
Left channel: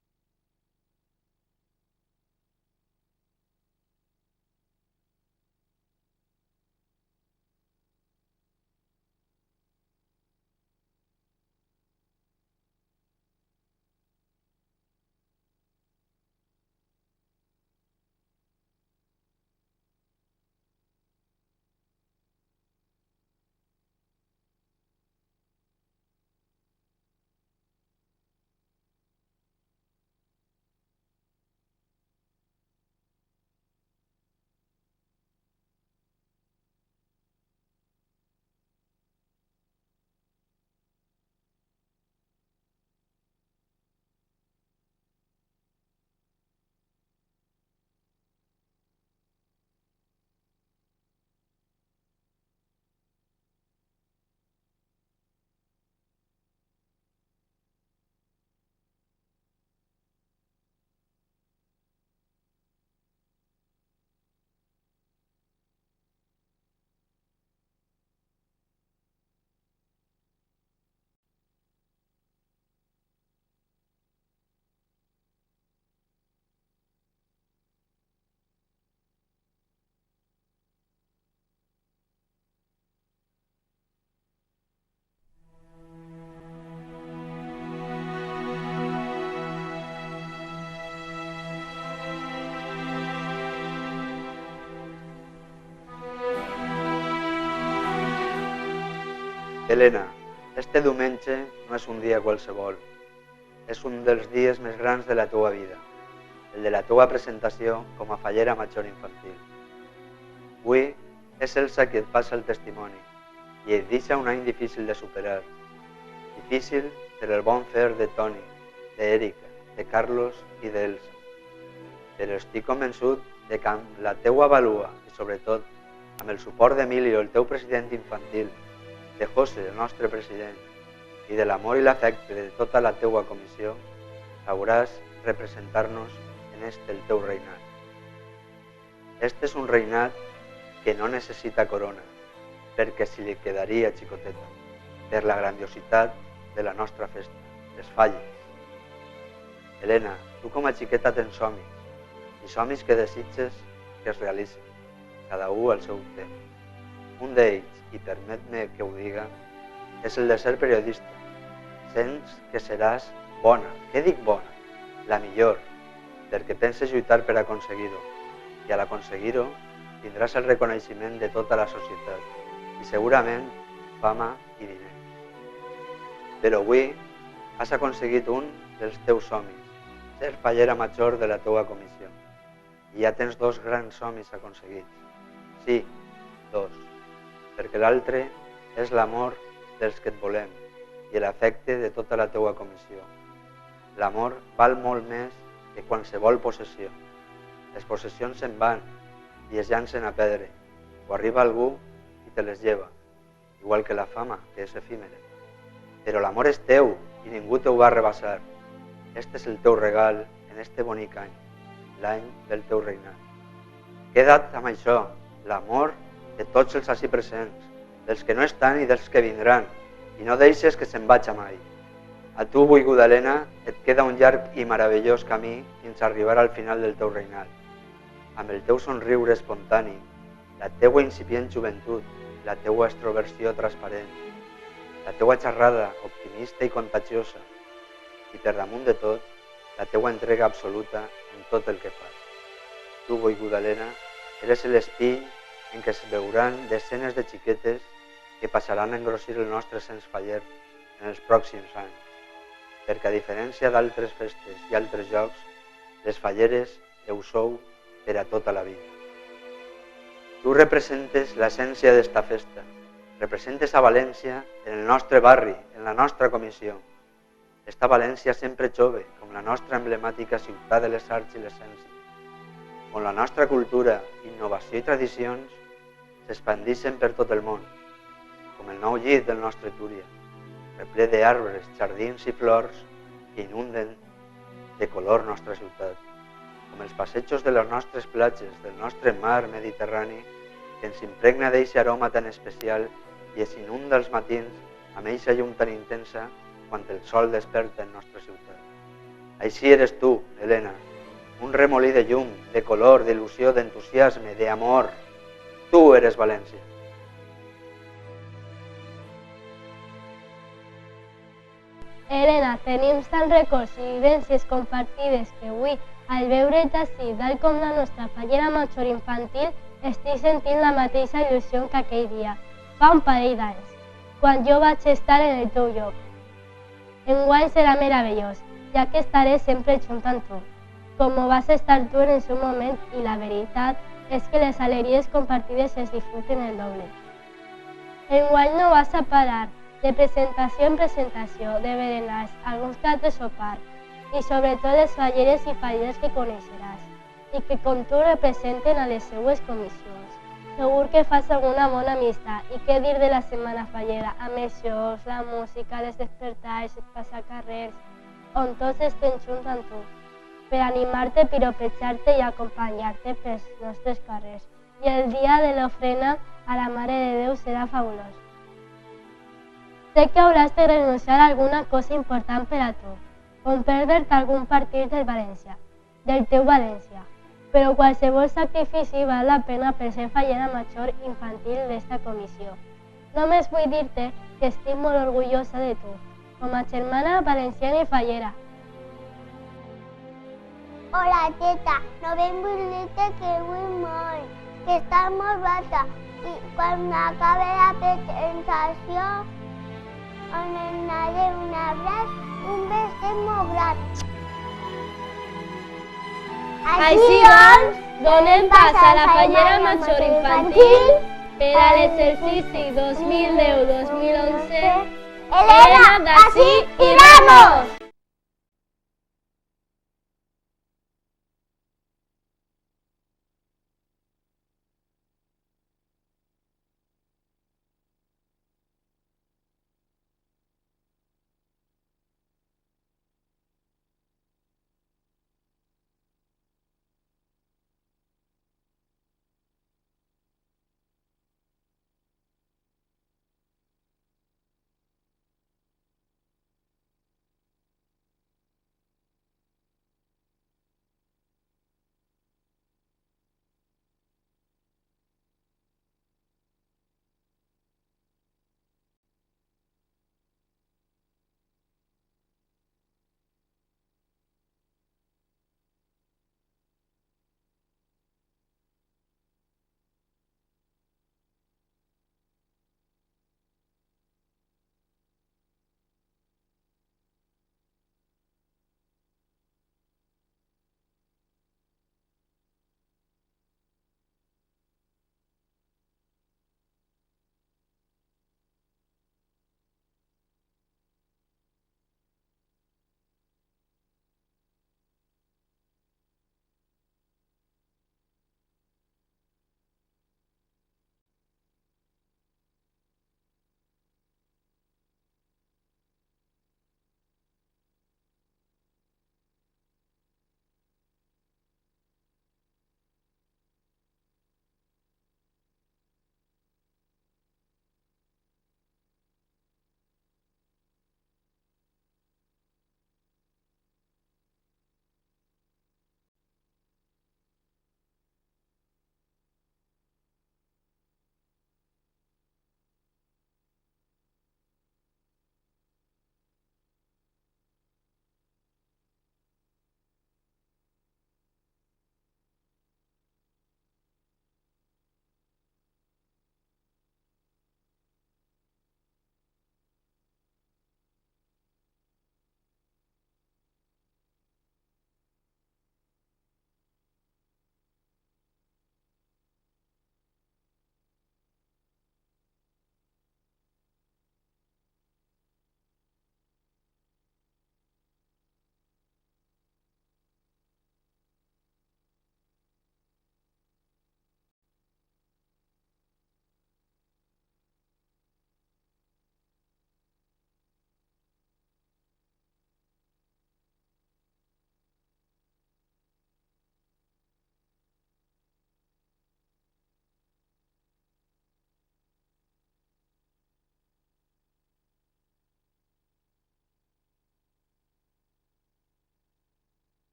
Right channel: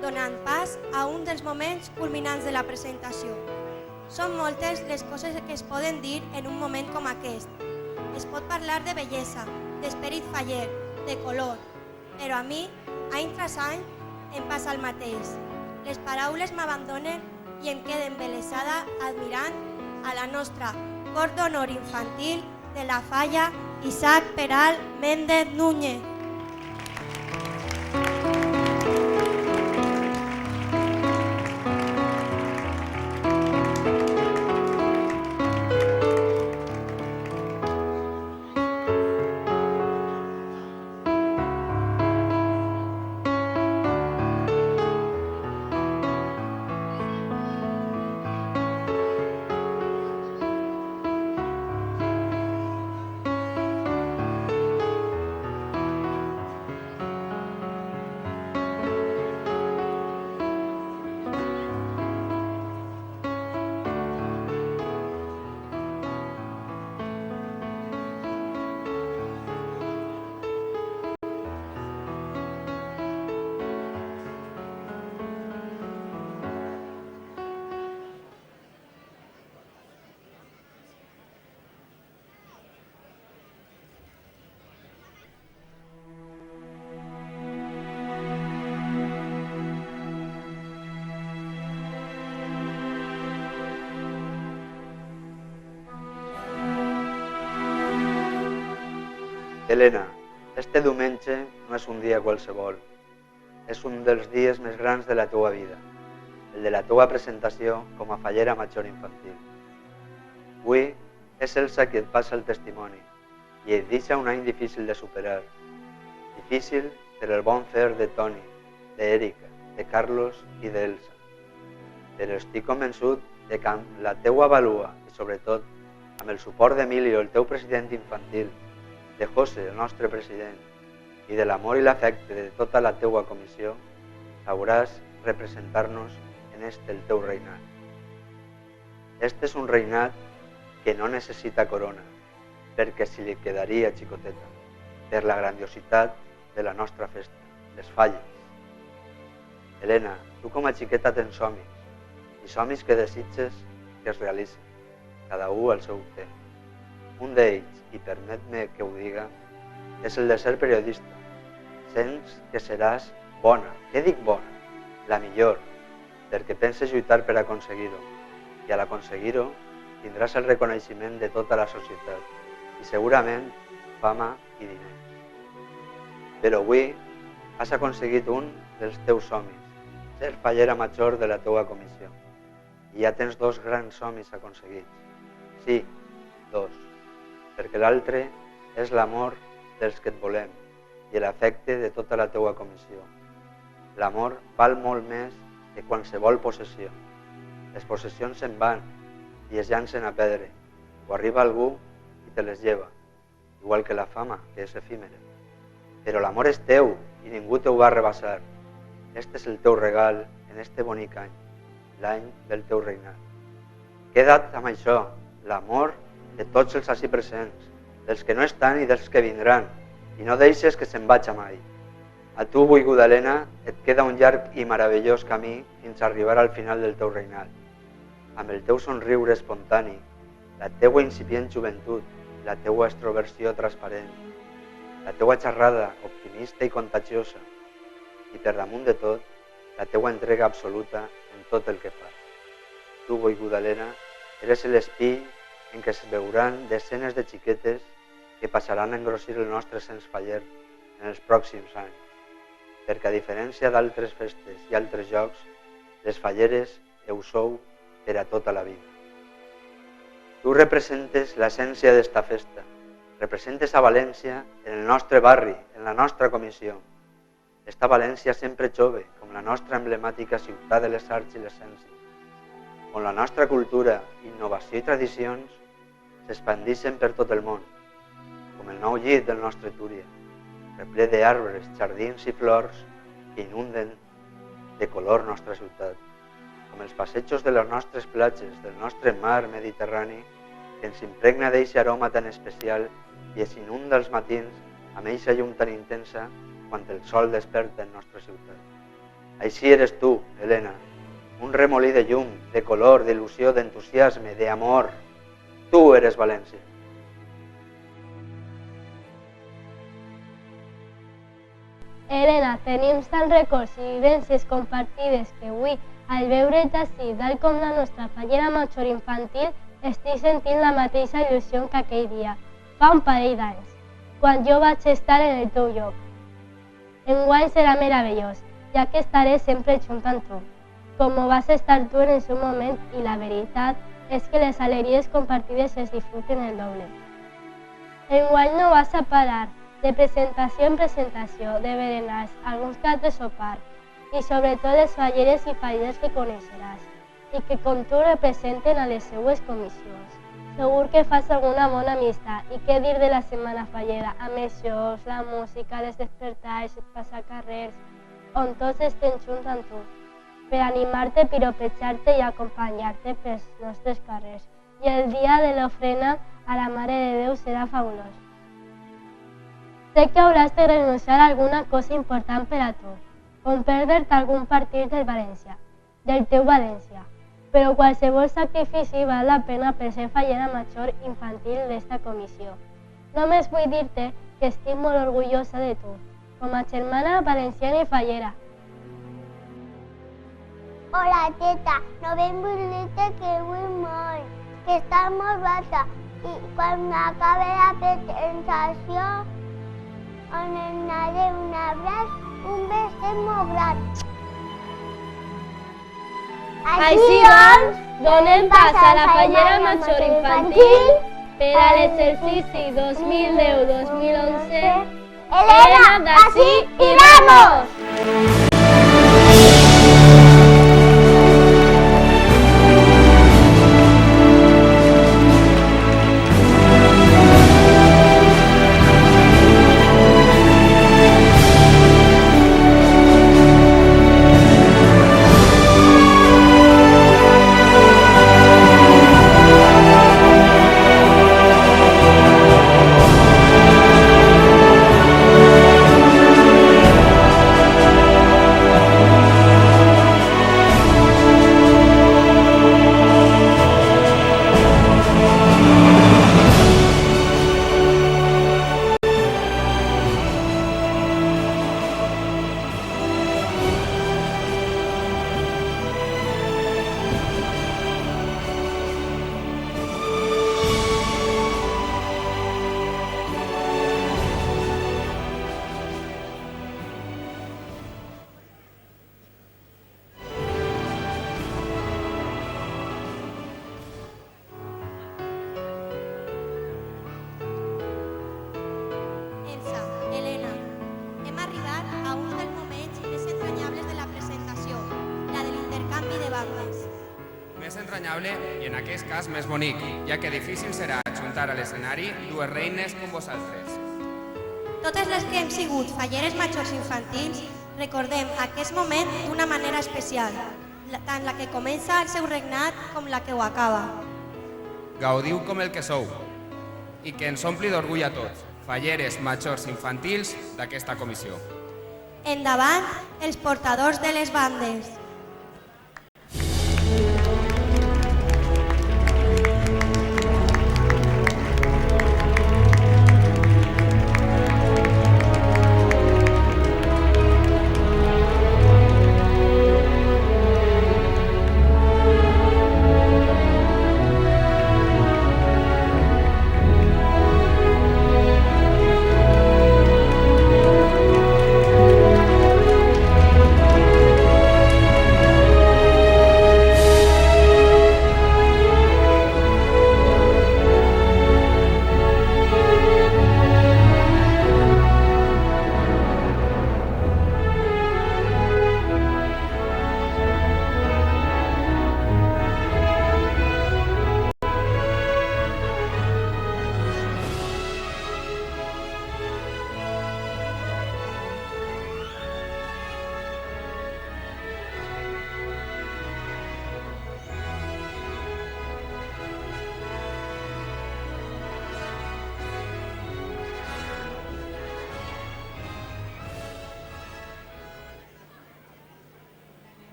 donant pas a un dels moments culminants de la presentació. Són moltes les coses que es poden dir en un moment com aquest. Es pot parlar de bellesa, d'esperit faller, de color, però a mi, any tras any, em passa el mateix. Les paraules m'abandonen i em quedo embelesada admirant a la nostra cor d'honor infantil de la Falla Isaac Peral Méndez Núñez. Helena, este diumenge no és un dia qualsevol. És un dels dies més grans de la teua vida, el de la teua presentació com a fallera major infantil. Avui és Elsa qui et passa el testimoni i et deixa un any difícil de superar. Difícil per el bon fer de Toni, d'Èrica, de Carlos i d'Elsa. Però estic convençut de que amb la teua vàlua i sobretot amb el suport d'Emilio, el teu president infantil, de José, el nostre president, i de l'amor i l'afecte de tota la teua comissió, sabràs representar-nos en el teu reinat. Este és un reinat que no necessita corona, perquè si li quedaria xicoteta, per la grandiositat de la nostra festa, les falles. Helena, tu com a xiqueta tens somnis, i somnis que desitges que es realitzen, cada un al seu temps. Un d'ells, i permet-me que ho diga, és el de ser periodista. Sents que seràs bona, què dic bona? La millor, perquè penses lluitar per aconseguir-ho, i al aconseguir-ho tindràs el reconeixement de tota la societat i segurament fama i diners. Però avui has aconseguit un dels teus somnis, ser fallera major de la teua comissió. I ja tens dos grans somnis aconseguits. Sí, dos. Perquè l'altre és l'amor dels que et volem i l'afecte de tota la teua comissió. L'amor val molt més que qualsevol possessió. Les possessions se'n van i es llancen a perdre, o arriba algú i te les lleva, igual que la fama, que és efímera. Però l'amor és teu i ningú te'l va arrabassar. Este és el teu regal en este bonic any, l'any del teu regnat. Queda't amb això, l'amor de tots els ací presents, dels que no estan i dels que vindran, i no deixes que se'n vagi mai. A tu, volguda Helena, et queda un llarg i meravellós camí fins a arribar al final del teu regnat. Amb el teu somriure espontani, la teua incipient joventut, la teua extroversió transparent, la teua xerrada optimista i contagiosa, i per damunt de tot, la teua entrega absoluta en tot el que fas. Tu, volguda Helena, eres l'espill en què es veuran desenes de xiquetes que passaran a engrossir el nostre cens faller en els pròxims anys, perquè a diferència d'altres festes i altres jocs, les falleres ho sou per a tota la vida. Tu representes l'essència d'esta festa, representes a València en el nostre barri, en la nostra comissió. Esta València sempre jove, com la nostra emblemàtica ciutat de les arts i les ciències, on la nostra cultura, innovació i tradicions s'expandixen per tot el món, com el nou llit del nostre Túria, reple d'arbres, jardins i flors que inunden de color nostra ciutat, com els passejos de les nostres platges, del nostre mar Mediterrani, que ens impregna d'eixe aroma tan especial i es inunda els matins amb eixa llum tan intensa quan el sol desperta en nostra ciutat. Així eres tu, Helena, un remolí de llum, de color, d'il·lusió, d'entusiasme, d'amor. Tu eres València. Helena, tenim tants records i vivències compartides que avui, al veure't ací, tal com la nostra fallera major infantil, estic sentint la mateixa il·lusió que aquell dia, fa un parell d'anys, quan jo vaig estar en el teu lloc. Enguany serà meravellós, ja que estaré sempre junt amb tu, com ho vas estar tu en el seu moment, i la veritat és que les alegries compartides es disfruten el doble. Enguany no vas a parar, de presentació en presentació, de berenars, alguns que altres sopar, i sobretot les falleres i falleres que coneixeràs, i que com tu representen a les seues comissions. Segur que fas alguna bona amistat, i què dir de la setmana fallera, amb els jocs, la música, les despertars, els passacarrers, on tots estem junts amb tu, per animar-te, piropejar-te i acompanyar-te pels nostres carrers. I el dia de l'ofrena a la Mare de Déu serà fabulós. Sé que hauràs de renunciar a alguna cosa important per a tu, com perdre-te algun partit del València, del teu València, però qualsevol sacrifici val la pena per ser fallera major infantil d'esta comissió. Només vull dir-te que estic molt orgullosa de tu, com a germana valenciana i fallera. Hola, teta, no ven vull dir-te que vull molt, que estàs molt bata, i quan m'acabe la presentació, on em donaré un abraç, un beset molt gran. Així doncs, donem pas a la fallera major infantil per a l'exercici 2010-2011. Helena, d'ací i vamos! Més entranyable i en aquest cas més bonic, ja que difícil serà ajuntar a l'escenari dues reines com vosaltres. Totes les que hem sigut falleres majors infantils recordem aquest moment d'una manera especial, tant la que comença el seu regnat com la que ho acaba. Gaudiu com el que sou i que ens ompli d'orgull a tots, falleres majors infantils d'aquesta comissió. Endavant, els portadors de les bandes.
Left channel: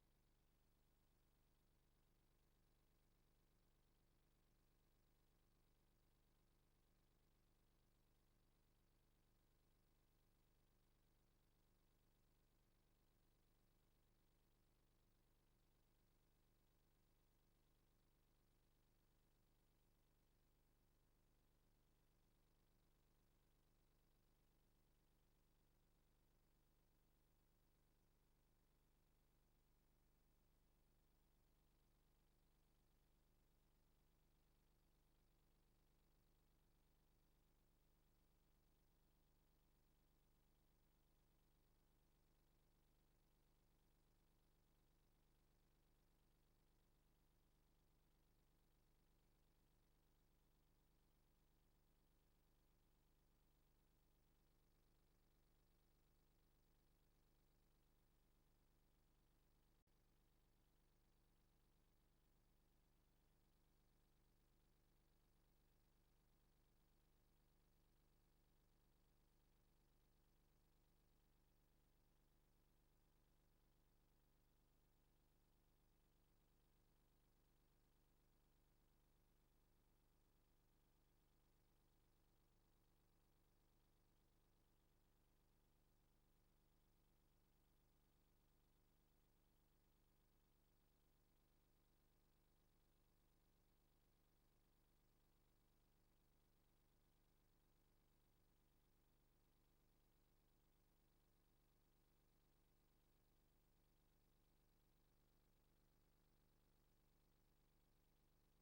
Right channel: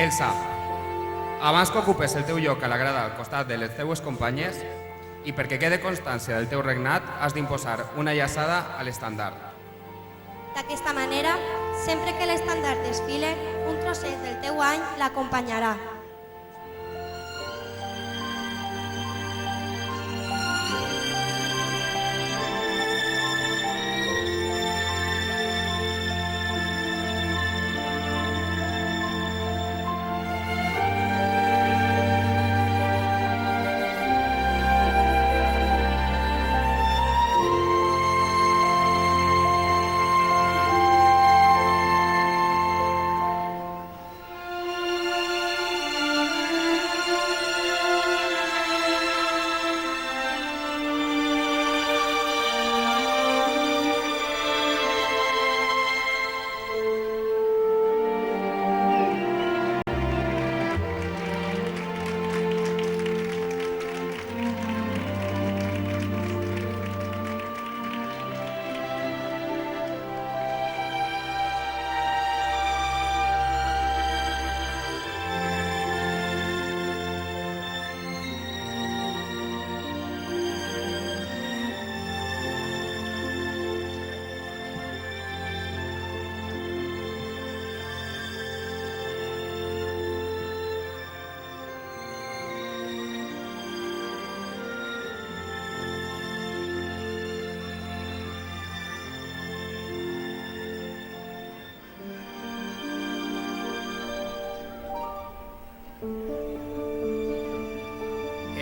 Elsa, abans que ocupes el teu lloc a la grada al costat de les teues companyes i perquè quede constància del teu regnat, has d'imposar una llaçada a l'estandard. D'aquesta manera, sempre que l'estandard desfile, un trosset del teu any l'acompanyarà.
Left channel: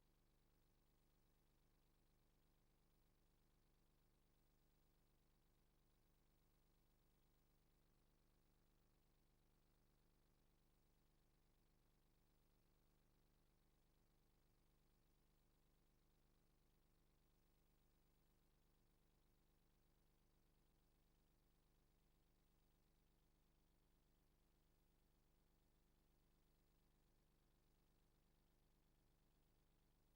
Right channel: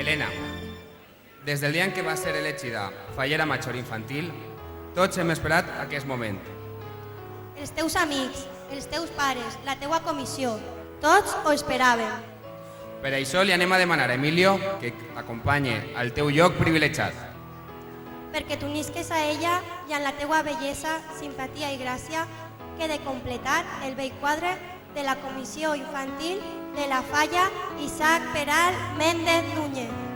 Helena, des del dia en què va ser elegida fallera major infantil, tots hem esperat aquest moment. Els teus amics, els teus pares, la teua comissió, tots ho esperaven. Per això li anem a demanar a Emilio que t'acompanyi al teu lloc privilegiat. Perquè t'unisques a ella i amb la teua bellesa, simpatia i gràcia quede completat el vell quadre de la comissió infantil de la Falla Isaac Peral Méndez Núñez.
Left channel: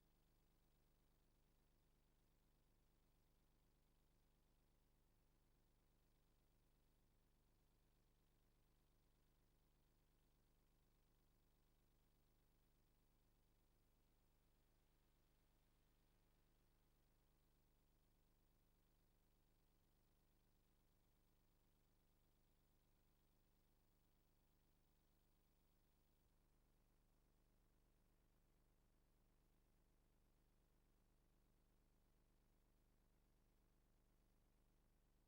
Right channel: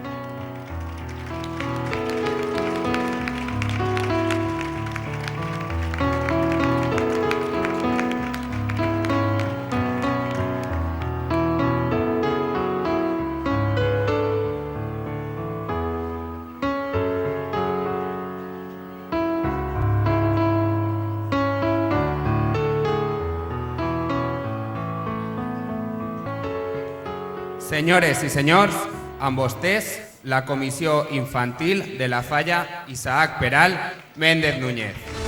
Senyores i senyors, amb vostès, la Comissió Infantil de la Falla Isaac Peral Méndez Núñez.